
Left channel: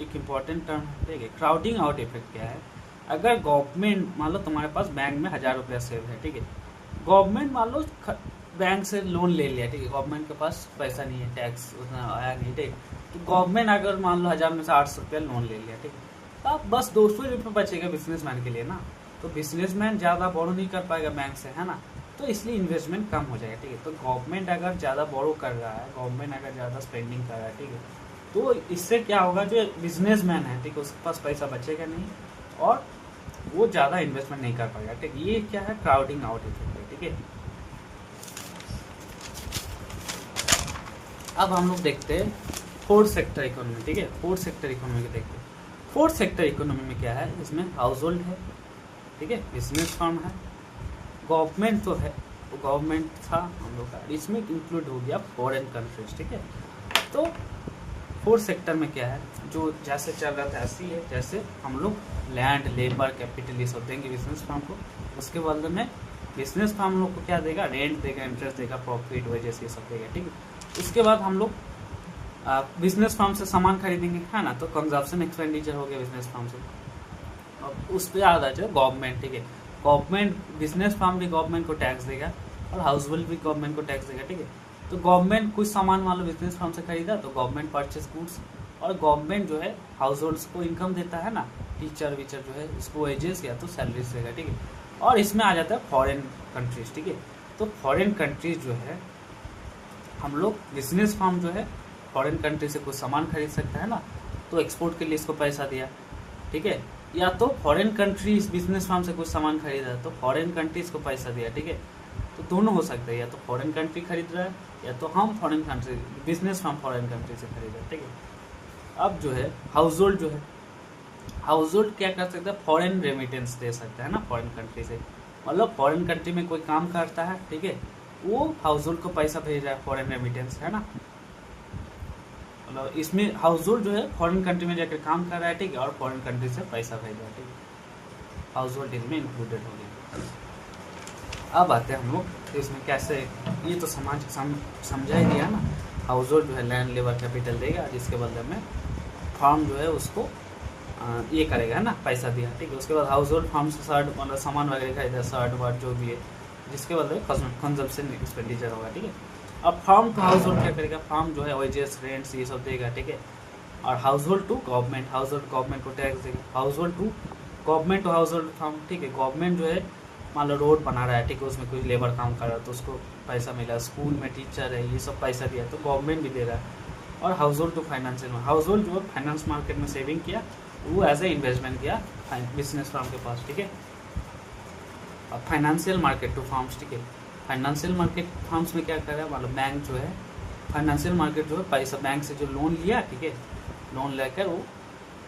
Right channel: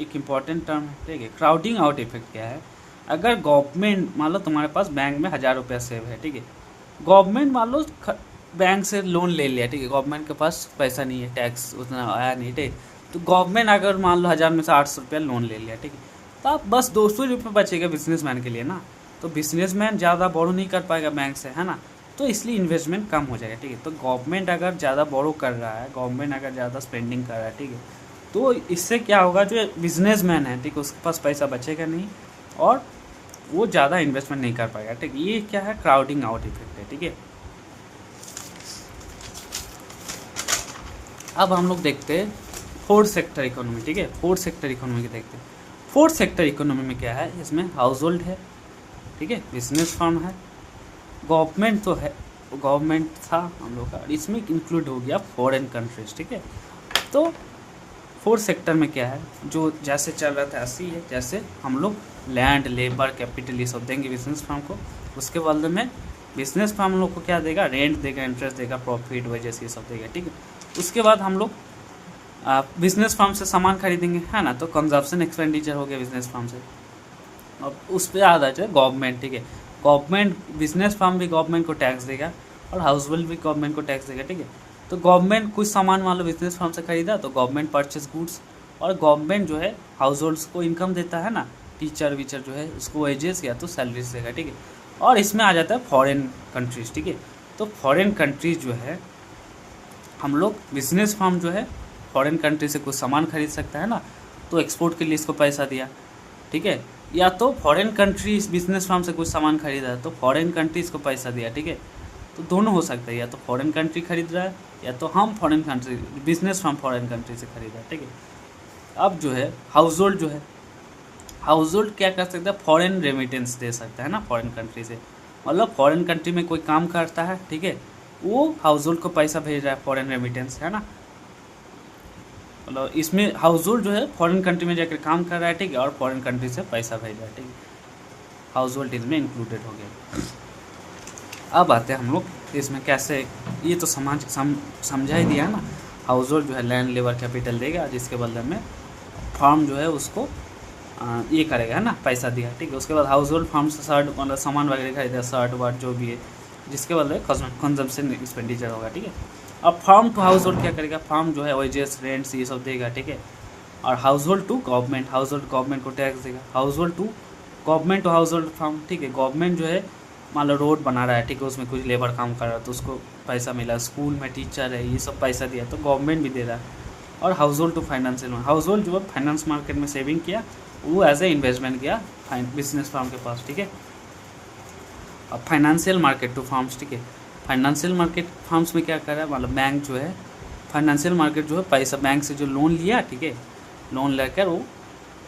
एक इम्पॉर्टेंट टर्म, ठीक है। क्राउडिंग आउट इफेक्ट क्या है, अगर गवर्नमेंट मान लो तुम्हारे पास बैंक में 1000 रुपया सेव है, ठीक है, गवर्नमेंट मान लो बैंक से लोन ले लिया, ठीक है, गवर्नमेंट के पास पैसा नहीं है, टैक्स उतना आया नहीं, ठीक है। तो गवर्नमेंट अगर मान लो 1000 में से 800 रुपया लोन ले लिया, ठीक है, तो अब बस 200 रुपये बचेगा बिजनेसमैन के लिए ना, तो बिजनेसमैन ज़्यादा बोरो नहीं कर पाएगा बैंक से, है ना, तो इसलिए इन्वेस्टमेंट कम हो जाएगा, ठीक है। तो गवर्नमेंट अगर ज़्यादा बोरो कर रहा है, गवर्नमेंट अगर ज़्यादा स्पेंडिंग कर रहा है, ठीक है, तो इससे क्या होगा, जो बिजनेसमैन है, ठीक है, उसके पास पैसा बचेगा नहीं और वो ज़्यादा इन्वेस्टमेंट नहीं कर पाएगा, ठीक है। ये क्या है, क्राउडिंग आउट इफेक्ट है, ठीक है। अब हम लोग देखते हैं फोर्थ सेक्टर इकोनॉमी, ठीक है, फोर्थ सेक्टर इकोनॉमी को देखते हैं। फोर्थ सेक्टर इकोनॉमी में क्या है, इसमें हाउस होल्ड है, ठीक है, बिजनेस फर्म है, गवर्नमेंट तो है, गवर्नमेंट था हम लोग का, इसमें इंक्लूड हो गया फॉरेन कंट्रीज, ठीक है। तो फोर्थ सेक्टर में क्या है, जो जैसे चल रहा था ऐसी है, जैसे हम लोग लैंड, लेबर, कैपिटल ये सब देंगे बिजनेस फर्म को, उसके बदले में बिजनेस फर्म हम लोग को क्या देगा, रेंट देगा, इंटरेस्ट देगा, प्रॉफिट वेजेस ये सब देगा, ठीक है। उसके बाद हम लोग बिजनेस फर्म से सामान खरीदेंगे, है ना, तो कंजप्शन एक्सपेंडिचर हो गया बिजनेस फर्म से, और उस पर आ जाए गवर्नमेंट, ठीक है, गवर्नमेंट बिजनेस फर्म भी गवर्नमेंट को टैक्स देगा और हाउस होल्ड भी गवर्नमेंट को टैक्स देगा, ठीक है। तो गवर्नमेंट कुछ सामान मान लो बिजनेस फर्म से खरीदा तो गवर्नमेंट परचेस गुड्स, और गवर्नमेंट जो है हाउस होल्ड्स को इनकम देता है ना, टीचर वीचर जो है उसको वेजेस या तो सैलरीज देगा, ठीक है। और इसमें आ जाता है फॉरेन कंट्रीज, ठीक है। तो फॉरेन कंट्रीज जो है हम लोग बिजनेस फर्म जो है फॉरेन कंट्री से कुछ सामान खरीद सकता है ना, तो तो एक्सपोर्ट के लिए इसको पैसा दिया, ठीक है, या तो फॉरेन कंट्री इस बिजनेस फार्म से कुछ सामान खरीदा तो फॉरेन कंट्री इसको पैसा दिया, ठीक है। तो दोनों हो सकता है, या तो फॉरेन कंट्री खरीद रहा है या तो हम foreign country, business firm foreign country से खरीद रहा है, ठीक है। अब जो है हाउस होल्ड जो है, हाउस होल्ड क्या कर सकता है, फॉरेन रेमिटेंस दे सकता है ना फॉरेन कंट्री से, मतलब फॉरेन कंट्री में कोई काम करता है, ठीक है, वो हाउस होल्ड को पैसा भेज रहा है, फॉरेन रेमिटेंस है ना, मतलब इसमें हाउस होल्ड जो है फॉरेन कंट्री में जाकर काम कर रहा है, ठीक है, और फॉरेन कंट्री से पैसा भेज रहा है, ठीक है, हाउस होल्ड इसमें इंक्लूडेड हो गया। अब आते हैं हम लोग इसमें कैसे, ये तो समझा ही दिया ना, हाउस होल्ड जो है लैंड लेबर कैपिटल देगा, जिसके बदले में फार्म जो है उसको ये करेगा, है ना, पैसा दिया, ठीक है। उसके बाद हाउस होल्ड फार्म से शर्ट मतलब सामान वगैरह खरीदा, शर्ट वर्ट जो भी है, जिसके बदले कंजम्पशन एक्सपेंडिचर होगा, ठीक है। अब फार्म टू हाउस होल्ड क्या करेगा, फार्म जो है वेजेस रेंट्स ये सब देगा, ठीक है। और household to government, household government को टैक्स देगा, household to government to household firm, ठीक है। गवर्नमेंट जो है मान लो रोड बना रहा है, ठीक है, उसमें कुछ लेबर काम कर रहा है तो उसको पैसा मिला, स्कूल में टीचर है ये सब पैसा दिया तो गवर्नमेंट भी दे रहा है। और household to financial, household जो है फाइनेंस मार्केट में सेविंग किया, वो एज ए इन्वेस्टमेंट किया बिजनेस फार्म के पास, ठीक है। अब फाइनेंशियल मार्केट टू फार्म्स, ठीक है, फाइनेंशियल मार्केट फार्म्स में क्या कर रहा है, मतलब बैंक जो है फाइनेंशियल मार्केट जो है पैसा बैंक से जो लोन लिया, ठीक है, लोन लेकर वो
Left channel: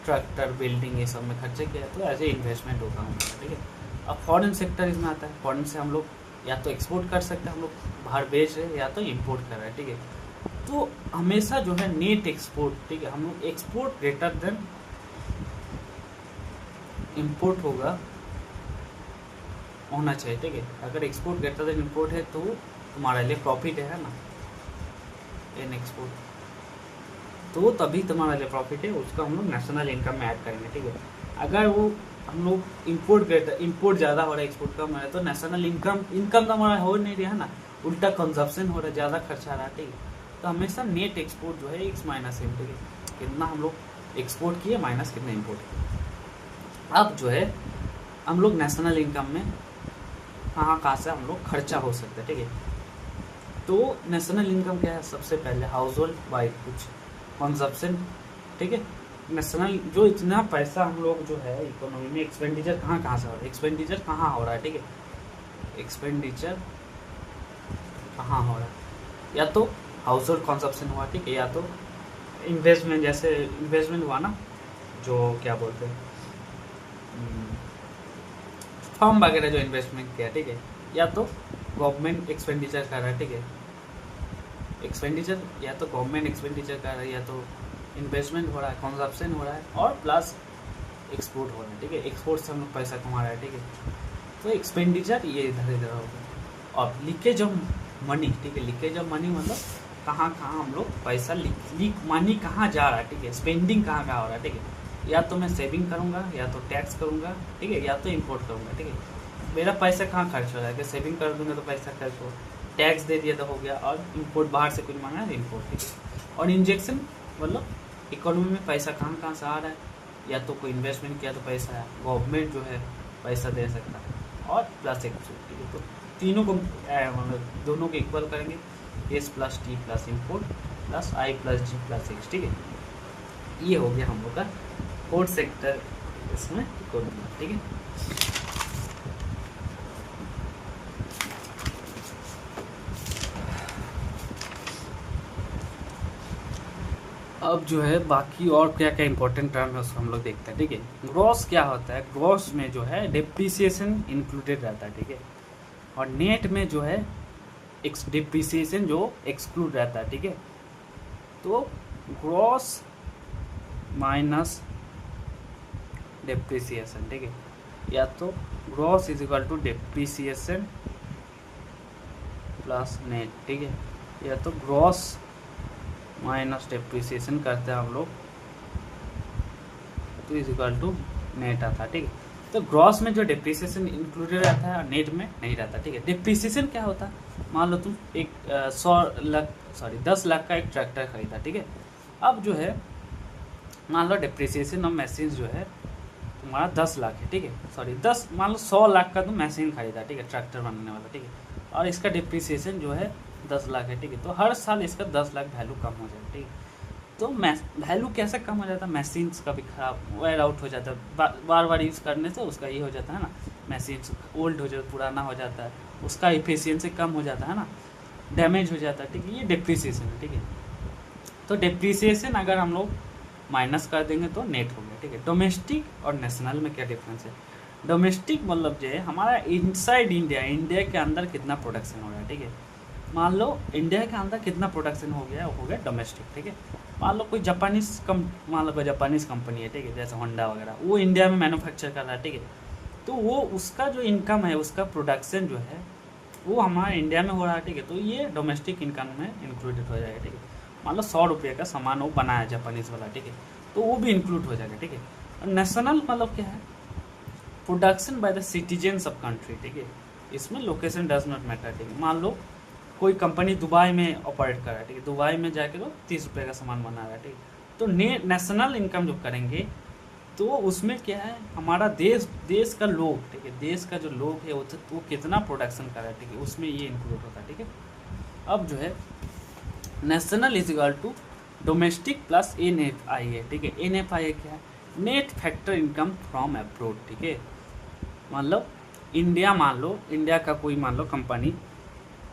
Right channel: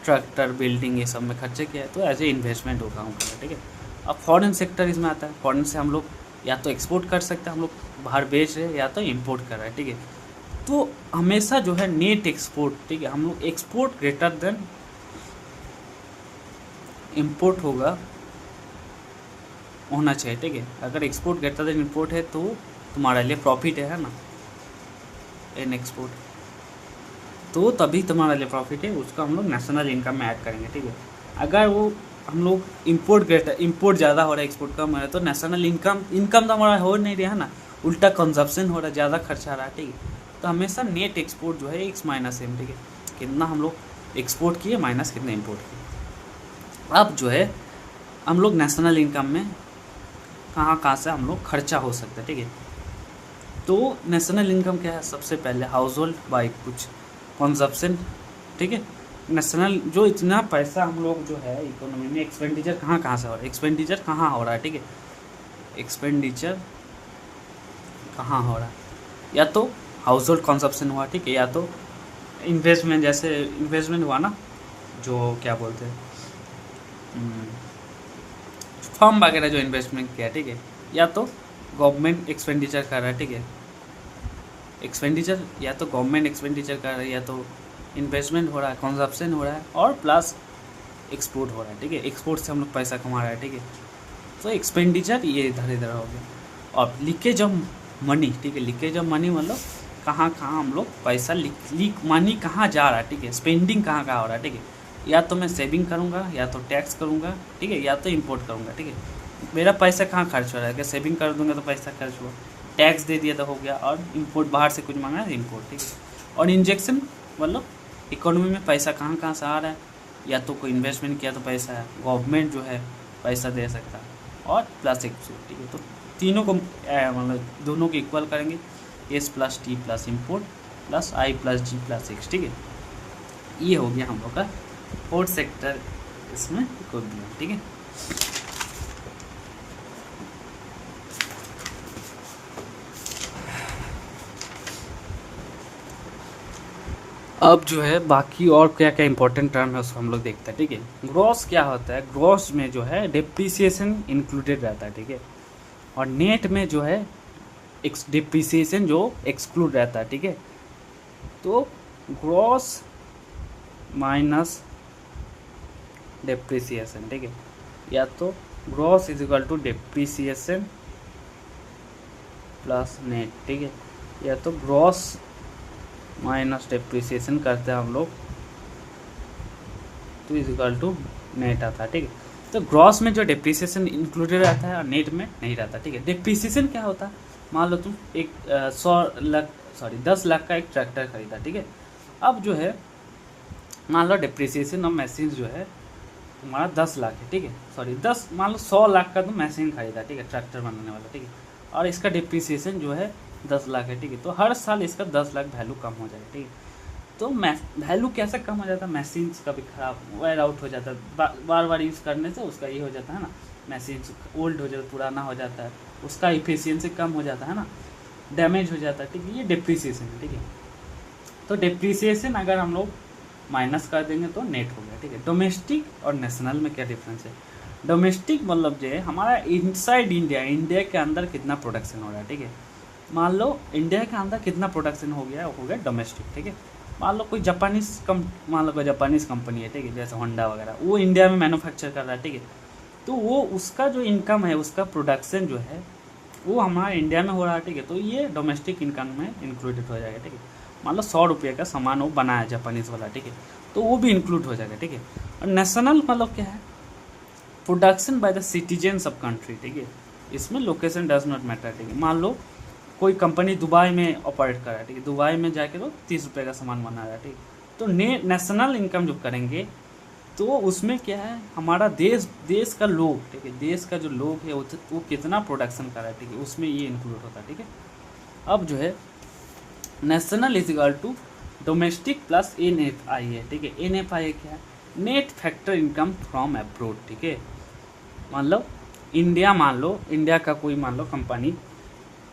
ट्रैक्टर बिल्डिंग ये सब में खर्चे किया तो एज ए इन्वेस्टमेंट होगा हमारा, ठीक है। अब फॉरेन सेक्टर इसमें आता है, फॉरेन से हम लोग या तो एक्सपोर्ट कर सकते हैं, हम लोग बाहर बेच रहे हैं, या तो इंपोर्ट कर रहे हैं, ठीक है। तो हमेशा जो है नेट एक्सपोर्ट, ठीक है, हम लोग एक्सपोर्ट ग्रेटर देन इंपोर्ट होना चाहिए, ठीक है। अगर एक्सपोर्ट ग्रेटर देन इंपोर्ट है तो तुम्हारे लिए प्रॉफिट है ना, इन एक्सपोर्ट, तो तभी तुम्हारे लिए प्रॉफिट है, उसको हम लोग नेशनल इनकम में ऐड करेंगे, ठीक है। अगर वो हम लोग इंपोर्ट ज़्यादा हो रहा है, एक्सपोर्ट कम हो रहा है, तो नेशनल इनकम तो हमारा हो नहीं रहा है ना, उल्टा कंजप्शन हो रहा है, ज़्यादा खर्चा आ रहा है, ठीक है। तो हमेशा नेट एक्सपोर्ट जो है एक्स माइनस एम, ठीक है, कितना हम लोग एक्सपोर्ट किए माइनस कितना इम्पोर्ट किए। अब जो है हम लोग नेशनल इनकम में कहाँ से हम लोग खर्चा हो सकते हैं, ठीक है। तो नेशनल इनकम क्या है, सबसे पहले हाउस होल्ड बाई कुछ कंजप्शन, ठीक है। नेशनल जो इतना पैसा हम लोग जो है इकोनॉमी में एक्सपेंडिचर कहाँ से हो रहा है, एक्सपेंडिचर कहाँ हो रहा है, ठीक है, एक्सपेंडिचर कहाँ हो रहा है, या तो हाउस होल्ड कंजप्शन हुआ, ठीक है, या तो इन्वेस्टमेंट, जैसे इन्वेस्टमेंट हुआ ना, जो क्या बोलते हैं फर्म वगैरह जो इन्वेस्टमेंट किया, ठीक है, या तो गवर्नमेंट एक्सपेंडिचर कर रहा है, ठीक है, एक्सपेंडिचर या तो गवर्नमेंट एक्सपेंडिचर कर रहा है, या तो इन्वेस्टमेंट हो रहा है, कंजप्शन हो रहा है, और प्लस एक्सपोर्ट हो रहा है, ठीक है, एक्सपोर्ट से हम लोग पैसा कमा रहे हैं, ठीक है। तो एक्सपेंडिचर ये इधर हो गया। और लीकेज ऑफ मनी, ठीक है, लीकेज ऑफ मनी मतलब कहाँ हम लोग पैसा लीक मनी कहाँ जा रहा है, ठीक है, स्पेंडिंग कहाँ हो रहा है, ठीक है, या तो मैं सेविंग करूँगा, या तो टैक्स करूँगा, ठीक है, या तो इम्पोर्ट करूँगा, ठीक है। मेरा पैसा कहाँ खर्च हो रहा है, कि सेविंग कर दूँगा तो पैसा खर्च हुआ, टैक्स दे दिया तो हो गया, और इम्पोर्ट बाहर से कुछ मांगा है इम्पोर्ट, ठीक है। और इंजेक्शन मतलब इकोनॉमी में पैसा कहाँ से आ रहा है, या तो कोई इन्वेस्टमेंट किया तो पैसा है, गवर्नमेंट जो है पैसा दे सकता है, और प्लस एक्सपोर्ट, ठीक है। तो तीनों को मतलब दोनों को इक्वल करेंगे, S plus T plus import plus I plus G plus X, ठीक है। ये हो गया हम लोग का फोर्थ सेक्टर इसमें कोड दिया, ठीक है। अब जो है बाकी और क्या क्या इंपॉर्टेंट टर्म है उसको हम लोग देखते हैं, ठीक है। ग्रॉस क्या होता है, ग्रॉस में जो है डिप्रिसिएशन इंक्लूडेड रहता है, ठीक है, और नेट में जो है डिप्रिसिएशन जो एक्सक्लूड रहता है, ठीक है। तो ग्रॉस माइनस डिप्रिसिएशन, ठीक है, या तो gross is equal to depreciation plus net, ठीक है, या तो ग्रॉस माइनस डिप्रिसिएशन करते हैं हम लोग तो इज इक्वल टू नेट आता है, ठीक है। तो ग्रॉस में जो डिप्रिसिएशन इंक्लूडेड रहता है और नेट में नहीं रहता, ठीक है। डिप्रिसिएशन क्या होता है, मान लो तुम एक 10 लाख का एक ट्रैक्टर खरीदा, ठीक है। अब जो है मान लो डिप्रिसिएशन ऑफ मशीन जो है तुम्हारा 10 लाख है, ठीक है, मान लो 100 लाख का तुम मशीन खरीदा, ठीक है, ट्रैक्टर बनाने वाला, ठीक है, और इसका डिप्रिसिएशन जो है 10 लाख है, ठीक है। तो हर साल इसका 10 लाख वैल्यू कम हो जाएगा, ठीक है। तो वैल्यू कैसे कम हो जाता है, मशीन्स का भी खराब वेयर आउट हो जाता है, बार बार यूज़ करने से उसका ये हो जाता है ना, मशीन्स ओल्ड हो जाता है, पुराना हो जाता है, उसका इफिशियंसी कम हो जाता है ना, डैमेज हो जाता है, ठीक है, ये डिप्रिसिएशन है, ठीक है। तो डिप्रिसिएशन अगर हम लोग माइनस कर देंगे तो नेट हो गया, ठीक है। डोमेस्टिक और नेशनल में क्या डिफरेंस है, डोमेस्टिक मतलब जो है हमारा इनसाइड इंडिया, इंडिया के अंदर कितना प्रोडक्शन हो रहा है, ठीक है। मान लो इंडिया के अंदर कितना प्रोडक्शन हो गया डोमेस्टिक, ठीक है। मान लो कोई मान लो कोई जापानीज कंपनी है, ठीक है, जैसे होंडा वगैरह, वो इंडिया में मैन्युफैक्चर कर रहा है, ठीक है। तो वो उसका जो इनकम है, उसका प्रोडक्शन जो है वो हमारा इंडिया में हो रहा है, ठीक है। तो ये डोमेस्टिक इनकम में इंक्लूडेड हो जाएगा, ठीक है। मान लो 100 रुपये का सामान वो बनाया जापानीज वाला, ठीक है, तो वो भी इंक्लूड हो जाएगा, ठीक है। और नेशनल मतलब क्या है, production by the citizens of country, ठीक है। इसमें लोकेशन डज नॉट मैटर, ठीक है। मान लो कोई कंपनी दुबई में ऑपरेट कर रहा है, ठीक है, दुबई में जाके वो 30 रुपये का सामान बना रहा है, ठीक है। तो नेशनल इनकम जो करेंगे तो उसमें क्या है, हमारा देश का लोग, ठीक है, देश का जो लोग है वो कितना प्रोडक्शन कर रहा है, ठीक है, उसमें ये इंक्लूड होता है, ठीक है। अब जो है national is equal to domestic plus NFI है, ठीक है। NFI क्या है, net factor income from abroad, ठीक है। मतलब मान लो इंडिया का कोई मान लो कंपनी,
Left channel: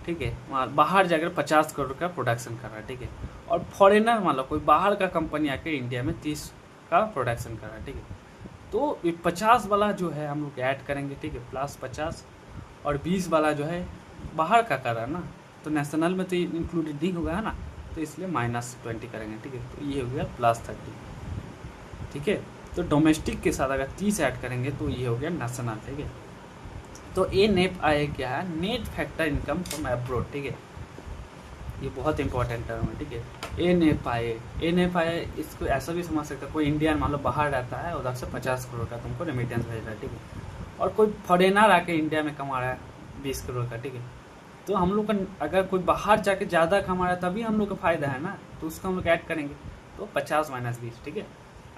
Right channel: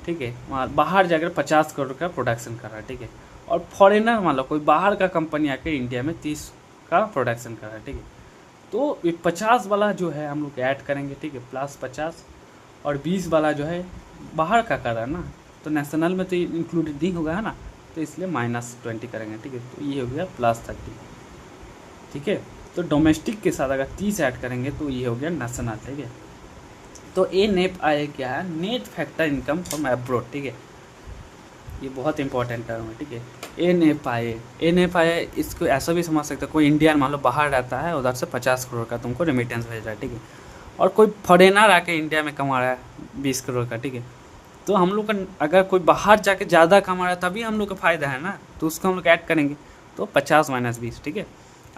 ठीक है, वहाँ बाहर जाकर 50 करोड़ का प्रोडक्शन कर रहा है, ठीक है। और फॉरेनर मान लो कोई बाहर का कंपनी आकर इंडिया में 30 का प्रोडक्शन कर रहा है, ठीक है। तो ये 50 वाला जो है हम लोग ऐड करेंगे, ठीक है, प्लस 50, और 20 वाला जो है बाहर का कर रहा है ना, तो नेशनल में तो इंक्लूडेड नहीं होगा, है ना, तो इसलिए -20 करेंगे, ठीक है। तो ये हो गया +30, ठीक है। तो डोमेस्टिक के साथ अगर 30 ऐड करेंगे तो ये हो गया नेशनल, ठीक है। तो NFI क्या है, net factor income from abroad, ठीक है। ये बहुत इंपॉर्टेंट टर्म है, ठीक है। NFI इसको ऐसा भी समझ सकते हैं, कोई इंडियन मान लो बाहर रहता है, उधर से 50 करोड़ का तुमको रेमिटेंस भेज रहा है, ठीक है। और कोई फॉरेनर आके इंडिया में कमा रहा है 20 करोड़ का, ठीक है। तो हम लोग का अगर कोई बाहर जाके ज़्यादा कमा रहा है तभी हम लोग का फ़ायदा है ना, तो उसको हम लोग ऐड करेंगे, तो 50 - 20, ठीक है।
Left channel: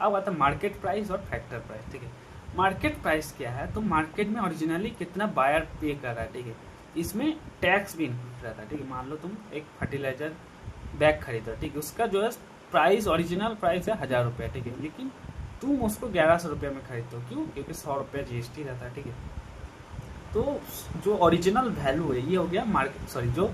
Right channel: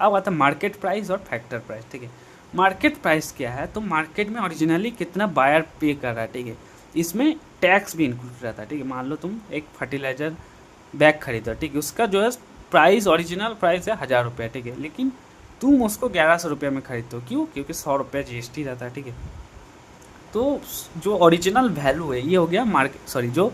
अब आता है मार्केट प्राइस और फैक्टर प्राइस, ठीक है। मार्केट प्राइस क्या है, तो मार्केट में ओरिजिनली कितना बायर पे कर रहा है, ठीक है, इसमें टैक्स भी इंक्लूड रहता है, ठीक है। मान लो तुम एक फर्टिलाइज़र बैग खरीदो, ठीक है, उसका जो है प्राइस, ओरिजिनल प्राइस है 1000 रुपये, ठीक है, लेकिन तुम उसको 1100 रुपये में खरीदते हो, क्यों, क्योंकि 100 रुपये GST रहता है, ठीक है। तो जो ओरिजिनल वैल्यू है ये हो गया जो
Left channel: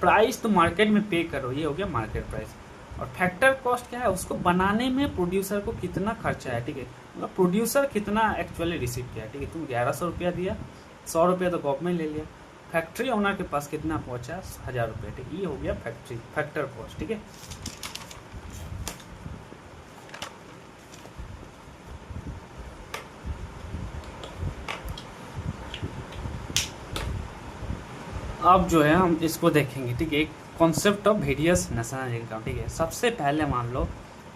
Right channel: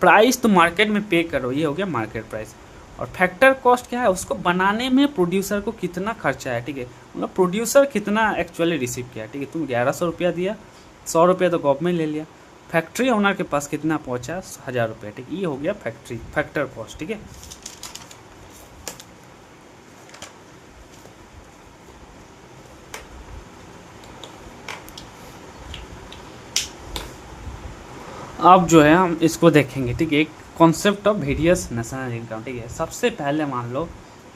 प्राइस तुम मार्केट में पे करो ये हो गया मार्केट प्राइस। और फैक्टर कॉस्ट क्या है, उसको बनाने में प्रोड्यूसर को कितना खर्चा है, ठीक है, मतलब प्रोड्यूसर कितना एक्चुअली रिसीव किया, ठीक है। तुम 1100 रुपया दिया, 100 रुपया तो गवर्नमेंट ले लिया, फैक्ट्री ओनर के पास कितना पहुंचा, 1000 रुपये, ठीक है। ये हो गया फैक्टर कॉस्ट, ठीक है। अब जो है हम इसको देखेंगे, ठीक है, एक concept of various national income, ठीक है। सबसे पहले मान लो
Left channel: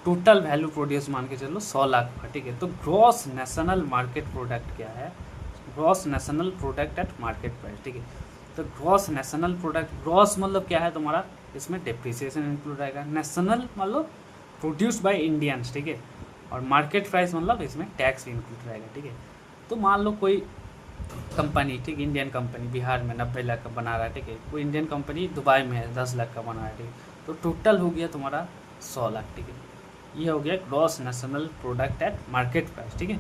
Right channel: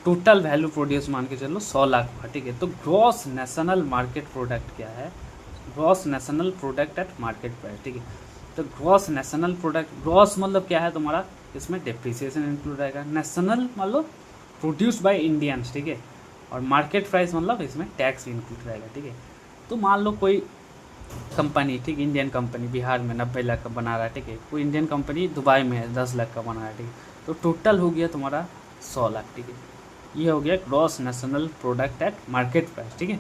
टोटल वैल्यू प्रोड्यूस मान के चलो 100 लाख का, ठीक है। तो ग्रॉस नेशनल मार्केट प्रोडक्ट क्या है, gross national product eight market price, ठीक है। तो ग्रॉस नेशनल प्रोडक्ट, ग्रॉस मतलब क्या है तुम्हारा, इसमें डेप्रिसिएशन इंक्लूड रहेगा, नेशनल मतलब प्रोड्यूस्ड बाय इंडियंस, ठीक है, और मार्केट प्राइस मतलब इसमें टैक्स भी इंक्लूड रहेगा, ठीक है। तो मान लो कोई कंपनी, ठीक, इंडियन कंपनी बिहार में 90 लाख का बना रहा है, ठीक है, कोई इंडियन कंपनी दुबई में है 10 लाख का बना रहा है, ठीक है। तो टोटल हो गया तुम्हारा 100 लाख, ठीक है। ये हो गया gross national product eight market price, ठीक है।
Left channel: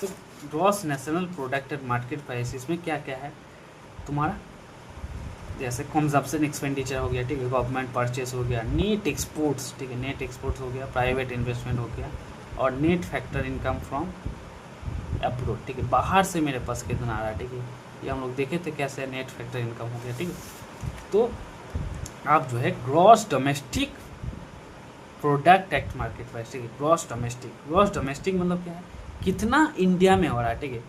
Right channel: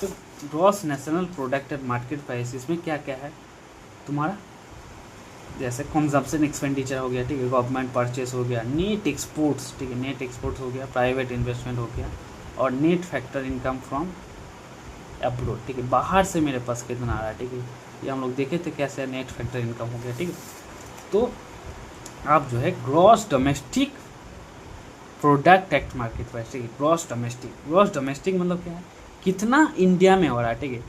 तो gross national product eight market price, इसमें क्या क्या है तुम्हारा, जैसे कंजम्पशन एक्सपेंडिचर हो गया, ठीक है, गवर्नमेंट परचेस हो गया, नेट एक्सपोर्ट्स, ठीक है, नेट एक्सपोर्ट्स हो गया, प्राइवेट इन्वेस्टमेंट हो गया, और net factor income from abroad, ठीक है, बाहर से मेरे पास कितना आ रहा है, ठीक है। ये हम लोग देखे थे कैसे नेट फैक्टर इनकम हो गया, ठीक है। तो आप जो है gross domestic product eight market price, ठीक है, ग्रॉस डोमेस्टिक मतलब क्या है, कितना इंडिया में हो रहा है, ठीक है।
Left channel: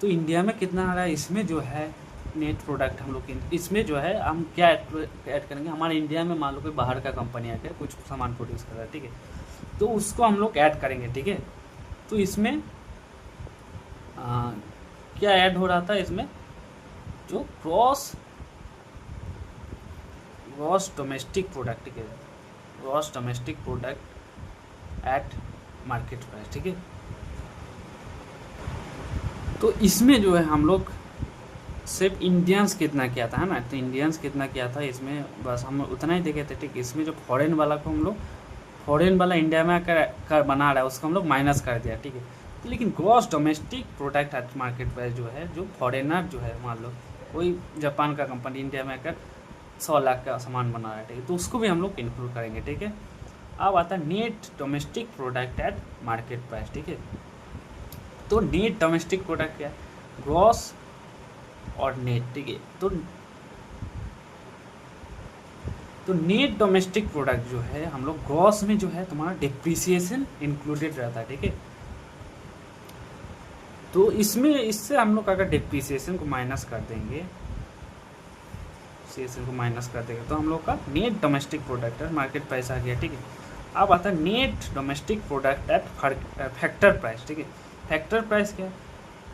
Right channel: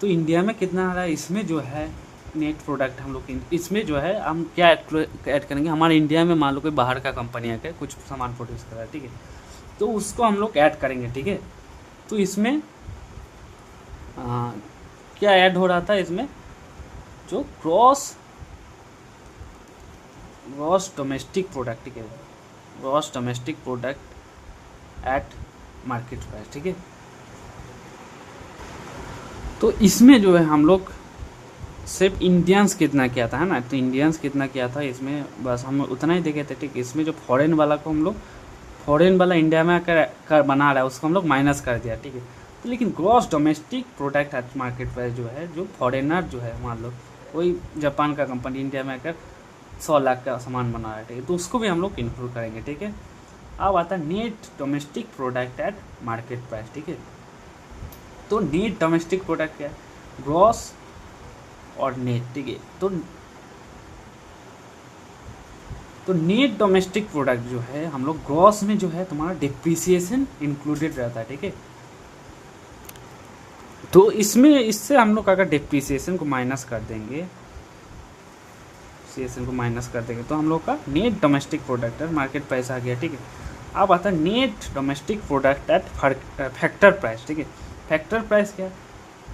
तो इंडिया में कितना आ रहा है, इसमें जो है नेट प्रोडक्ट हम लोग इसमें जो है हम क्या ऐड करेंगे, हमारे इंडिया में मान लो कोई बाहर का कंपनी आकर कुछ सामान प्रोड्यूस कर रहा है, ठीक है, तो उसको हम लोग ऐड करेंगे, ठीक है। तो इसमें क्या ऐड हो रहा था, इसमें जो ग्रॉस डोमेस्टिक प्रोडक्ट, ठीक है, gross domestic product eight market price, ठीक है। तो इसमें जो है हम लोग सिर्फ इंडियंस कितना किया था, है ना, तो इंडियंस कितना किया था इसमें बस हम उतना ही देखे थे, ठीक है। इसमें जो फॉरेन वाला को हम लोग फॉरेन वाला इंडिया में कर बना रहा है उसको हम लोग माइनस कर दिया, ठीक है। तो लेकिन gross domestic product eight market price जो है, जो फॉरेनर जो है, मान लो कोई जापान का कंपनी इंडिया में आकर 100 लाख का सामान बना रहा है, ठीक है, तो उसको भी हम लोग इंक्लूड करेंगे, ठीक है। अब आता है net domestic product eight market price, ठीक है। तो नेट डोमेस्टिक प्रोडक्ट क्या है, ग्रॉस और नेट, ठीक है। तो नेट डोमेस्टिक प्रोडक्ट जो है हम लोग ग्रॉस में जो है तुम्हारा डिप्रिसिएशन इंक्लूडेड रहता है, ठीक है। तो इसमें इससे हम लोग अगर डिप्रिसिएशन को माइनस कर देंगे, तो हम लोग का नेट डोमेस्टिक प्रोडक्ट है मार्केट प्राइस आ गया, ठीक है। अब आता है net domestic product at factor price, ठीक है। फैक्टर प्राइस क्या है,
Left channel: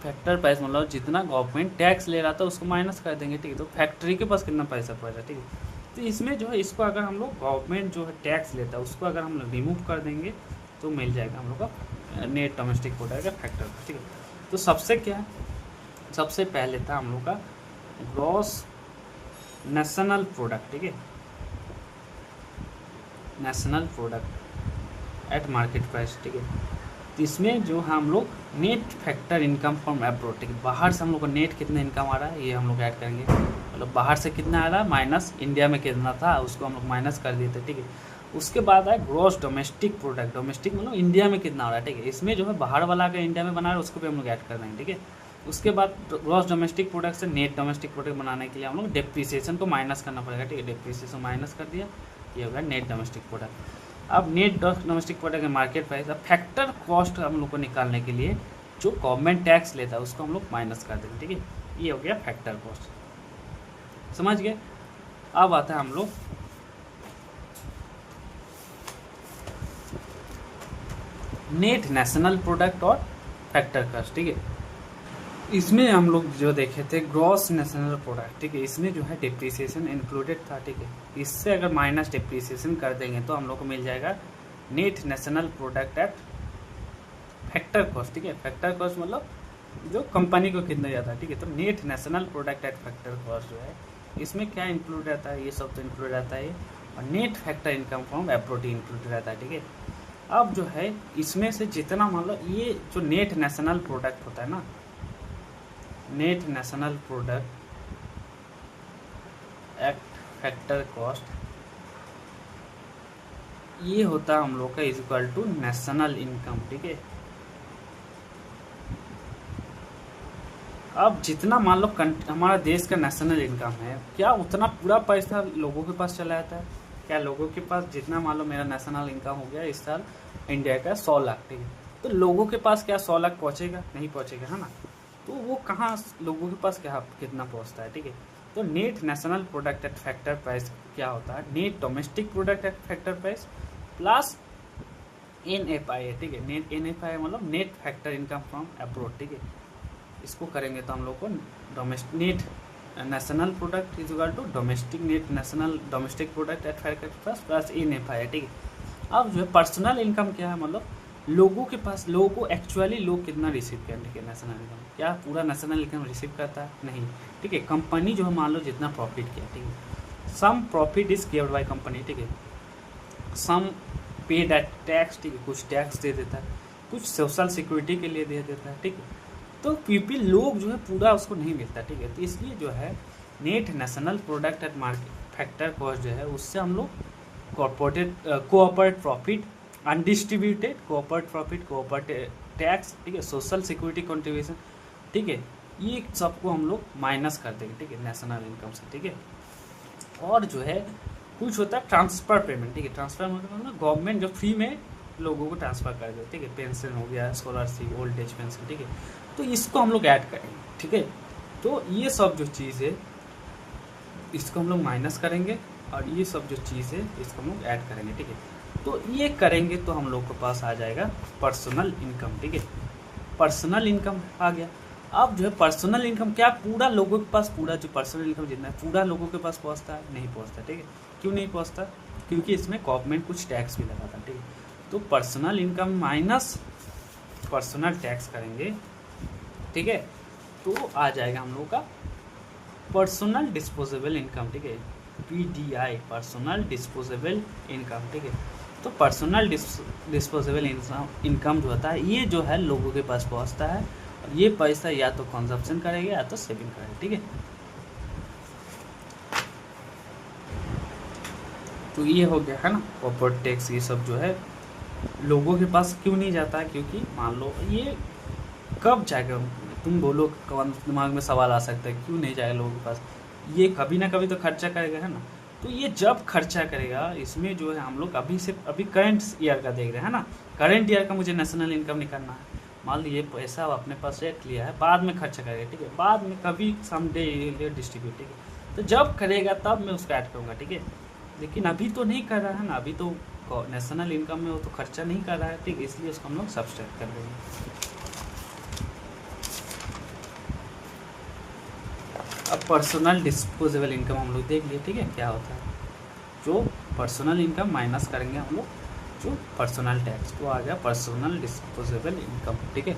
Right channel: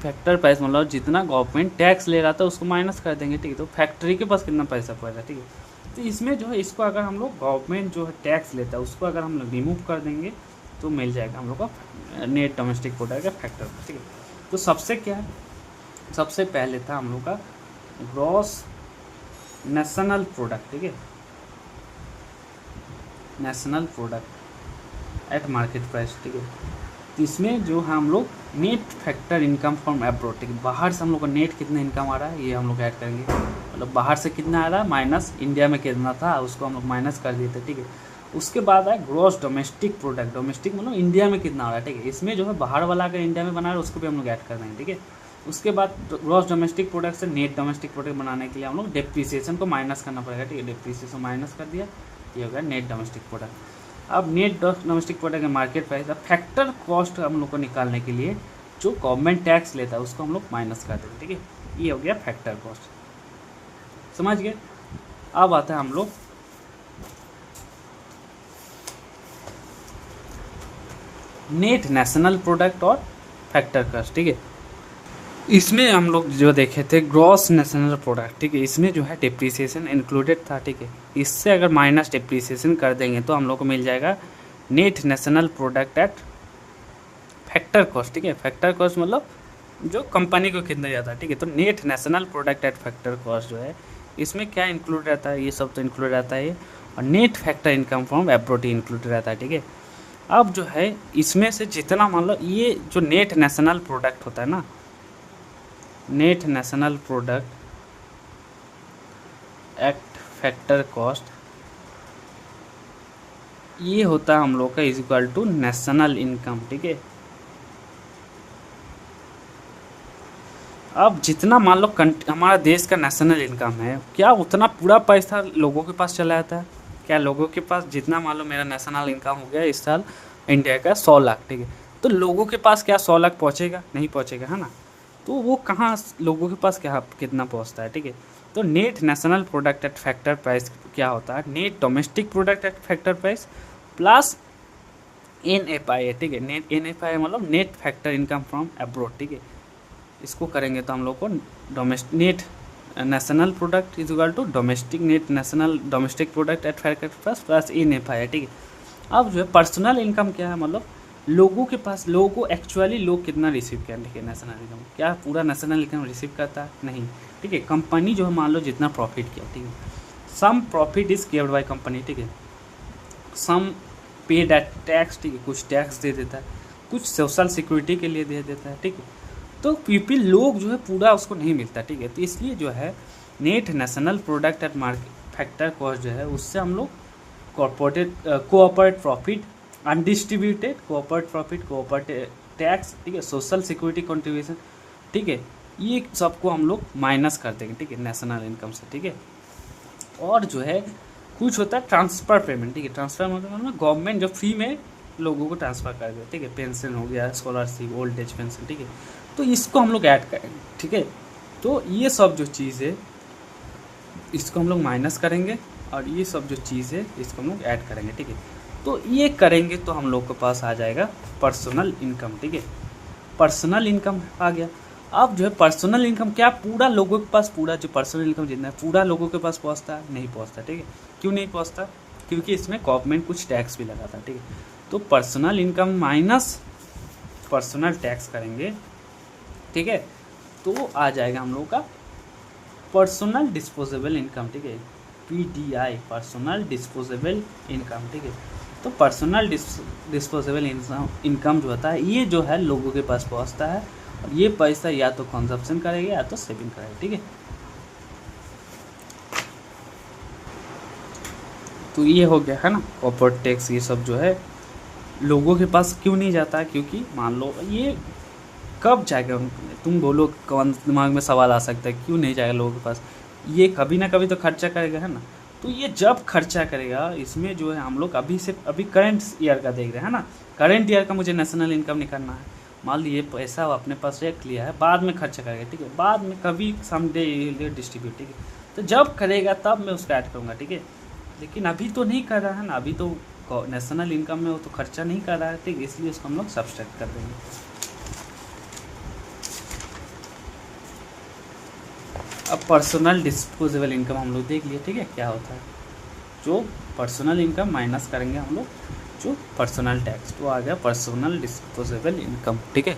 फैक्टर प्राइस मतलब जितना गवर्नमेंट टैक्स ले रहा था उसको माइनस कर देंगे, ठीक है। तो फैक्ट्री के पास कितना पैसा पड़ रहा है, ठीक है। तो इसमें जो है इसको अगर हम लोग गवर्नमेंट जो है टैक्स लेता है उसको अगर हम लोग रिमूव कर देंगे तो मिल जाएगा हम लोग का नेट डोमेस्टिक प्रोडक्ट का फैक्टर, ठीक है। तो सबसे क्या है, सबसे पहले था हम लोग का ग्रॉस नेशनल प्रोडक्ट, ठीक है, national product eight market price, ठीक है। तो इसमें जो है हम लोग net factor income from abroad, ठीक है, बाहर से हम लोग का नेट कितना इनकम आ रहा है ये हम लोग ऐड करेंगे, मतलब बाहर से कितना आ रहा है माइनस इंडिया में कितना था उसको हम लोग माइनस कर दिए थे, ठीक है। उसके बाद है ग्रॉस डोमेस्टिक प्रोडक्ट, डोमेस्टिक मतलब इंडिया में कितना आ रहा है, ठीक है। इसमें जो है बाहर वाला अगर इंडिया में बना रहा है उसको भी हम लोग ऐड कर देंगे, ठीक है। उसके बाद ग्रॉस डोमेस्टिक प्रोडक्ट से नेट डोमेस्टिक प्रोडक्ट बनाने के लिए हम लोग डिप्रिसिएशन को माइनस करना पड़ेगा, ठीक है। डिप्रिसिएशन माइनस कर दिया, ये होगा नेट डोमेस्टिक प्रोडक्ट। अब नेट डोमेस्टिक प्रोडक्ट का मार्केट प्राइस का फैक्टर कॉस्ट हम लोग को निकालने के लिए जो गवर्नमेंट टैक्स लेता है उसको हम लोग माइनस कर देंगे, ठीक है। ये हो गया फैक्टर कॉस्ट, समझ गए। अब आता है हम लोग नेट नेशनल प्रोडक्ट और फैक्टर कॉस्ट, ठीक है। इसमें हम लोग जो देखे थे ग्रॉस नेशनल प्रोडक्ट, ठीक है, इसमें जो है डिप्रिसिएशन इंक्लूडेड था, ठीक है। इससे अगर माइनस डिप्रिसिएशन कर देंगे तो हम लोग को मिल जाएगा net national product at factor cost, ठीक है। फैक्टर कॉस्ट मतलब जो कंपनी को कितना जाता है, ठीक है। तो net national product at factor cost जो है इसमें क्या इंक्लूड रहता है, ये सब तो इंक्लूड रहता है, और net factor income from abroad include रहता है, ठीक है। अब जो है इसमें से जितना मतलब ये जो नेट नेशनल प्रोडक्ट होता है ना, net national product at factor cost, ये होता है हम लोग का is equal to national income, ठीक है। अब जितना मान लो हमारा देश का नेशनल इनकम है, क्या उतना पूरा पैसा लोगों के पास चला जाता है, क्या लोगों के पास जितना मान लो मेरा नेशनल इनकम हो गया इस साल इंडिया का 100 लाख, ठीक है, तो लोगों के पास क्या 100 लाख पहुँचेगा, नहीं पहुँचेगा, है ना। तो वो कहाँ लोगों के पास क्या कितना पहुँचता है, ठीक है। तो net national product at factor price क्या होता है, net domestic product at factor price plus NFI, ठीक है। नेट NFI मतलब net factor income from abroad, ठीक है। इसको करेंगे तो हम लोग को net national product is equal to domestic net national domestic product at factor price plus NFI, ठीक है। अब जो है पर्सनल इनकम क्या है, मतलब लोगों के पास, लोगों को एक्चुअली लोग कितना रिसीव करें, ठीक है। नेशनल इनकम क्या पूरा नेशनल इनकम रिसीव करता है, नहीं, ठीक है। कंपनी जो है मान लो जितना प्रॉफिट किया, ठीक है, some profit is carried by company, ठीक है, सम पेड एट टैक्स, ठीक है, कुछ टैक्स दे देता है, कुछ सोशल सिक्योरिटी के लिए दे देता है, ठीक है। तो पीपल लोग जो है पूरा उसको नहीं मिलता, ठीक है। तो इसलिए जो है net national product eight market factor cost जो है उससे हम लोग cooperate profit, undistributed cooperate profit, cooperate tax, ठीक है, सोशल सिक्योरिटी कंट्रीब्यूशन, ठीक है, ये सबको हम लोग माइनस कर देंगे, ठीक है, नेशनल इनकम से, ठीक है। और जो है कुछ होता है ट्रांसफ़र पेमेंट, ठीक है। ट्रांसफ़र मतलब गवर्नमेंट जो फ्री में लोगों को ट्रांसफ़र कर दे, ठीक है, पेंशन हो गया, स्कॉलरशिप, ओल्ड एज पेंशन, ठीक है, तो इसको हम लोग ऐड करेंगे, ठीक है। तो ये सब जो चीज़ है इसको हम लोग माइनस करेंगे और ये सब जो चीज़ है इसको हम लोग ऐड करेंगे, ठीक है। तो ये करेंगे तो हम लोग के पास आ जाएगा पर्सनल इनकम, ठीक है। पर्सनल इनकम आ गया। अब जो है पर्सनल इनकम क्या पूरा लोगों के पास, पूरा जो पर्सनल इनकम जितना है पूरा लोगों के पास पहुंचता है, नहीं पहुंचता, ठीक है। क्यों नहीं पहुंचता, क्योंकि इसमें गवर्नमेंट कुछ टैक्स भी लगाता है, ठीक है। तो personal income minus personal tax करेंगे, ठीक है, तो आ जाएगा हम लोगों का पर्सनल डिस्पोजेबल इनकम, ठीक है, PDI पर्सनल डिस्पोजेबल इनकम, ठीक है। तो पर्सनल डिस्पोजेबल इनकम जो होता है ये जो है लोगों के पास पहुंचता है, और ये पैसा या तो कंजप्शन करेगा या तो सेविंग करेगा, ठीक है। तो ये हो गया है ना कॉर्पोरेट टैक्स, ये सब जो है लोगों के पास क्यों नहीं जाता है, क्योंकि मान लो ये कब जाएगा, तुम बोलो कौन दिमाग में सवाल आ सकता है क्यों नहीं जाएगा लोगों के पास, ये कभी ना कभी तो खर्चा करेगा, है ना। तो ये जब खर्चा करेगा, इसमें जो है हम लोग अभी करंट ईयर का देख रहे हैं ना, करंट ईयर का मुझे नेशनल इनकम निकालना है, मान लीजिए पैसा अपने पास रख लिया है, बाद में खर्चा करेगा, ठीक है, बाद में कभी समडे डिस्ट्रीब्यूट, ठीक है, तो जब करेगा तब मैं उसको ऐड करूँगा, ठीक है। लेकिन अभी तो नहीं कर रहा है ना, अभी तो नेशनल इनकम में वो तो खर्चा नहीं कर रहा है, ठीक है, इसलिए उसको हम लोग सब्सट्रैक्ट कर देंगे। अब पर्सनल डिस्पोजेबल इनकम हम लोग देख लिए, ठीक है, क्या होता है। जो पर्सनल इनकम माइनस करेंगे हम लोग जो पर्सनल टैक्स, तो आ गया पर्सनल डिस्पोजेबल इनकम, ठीक है।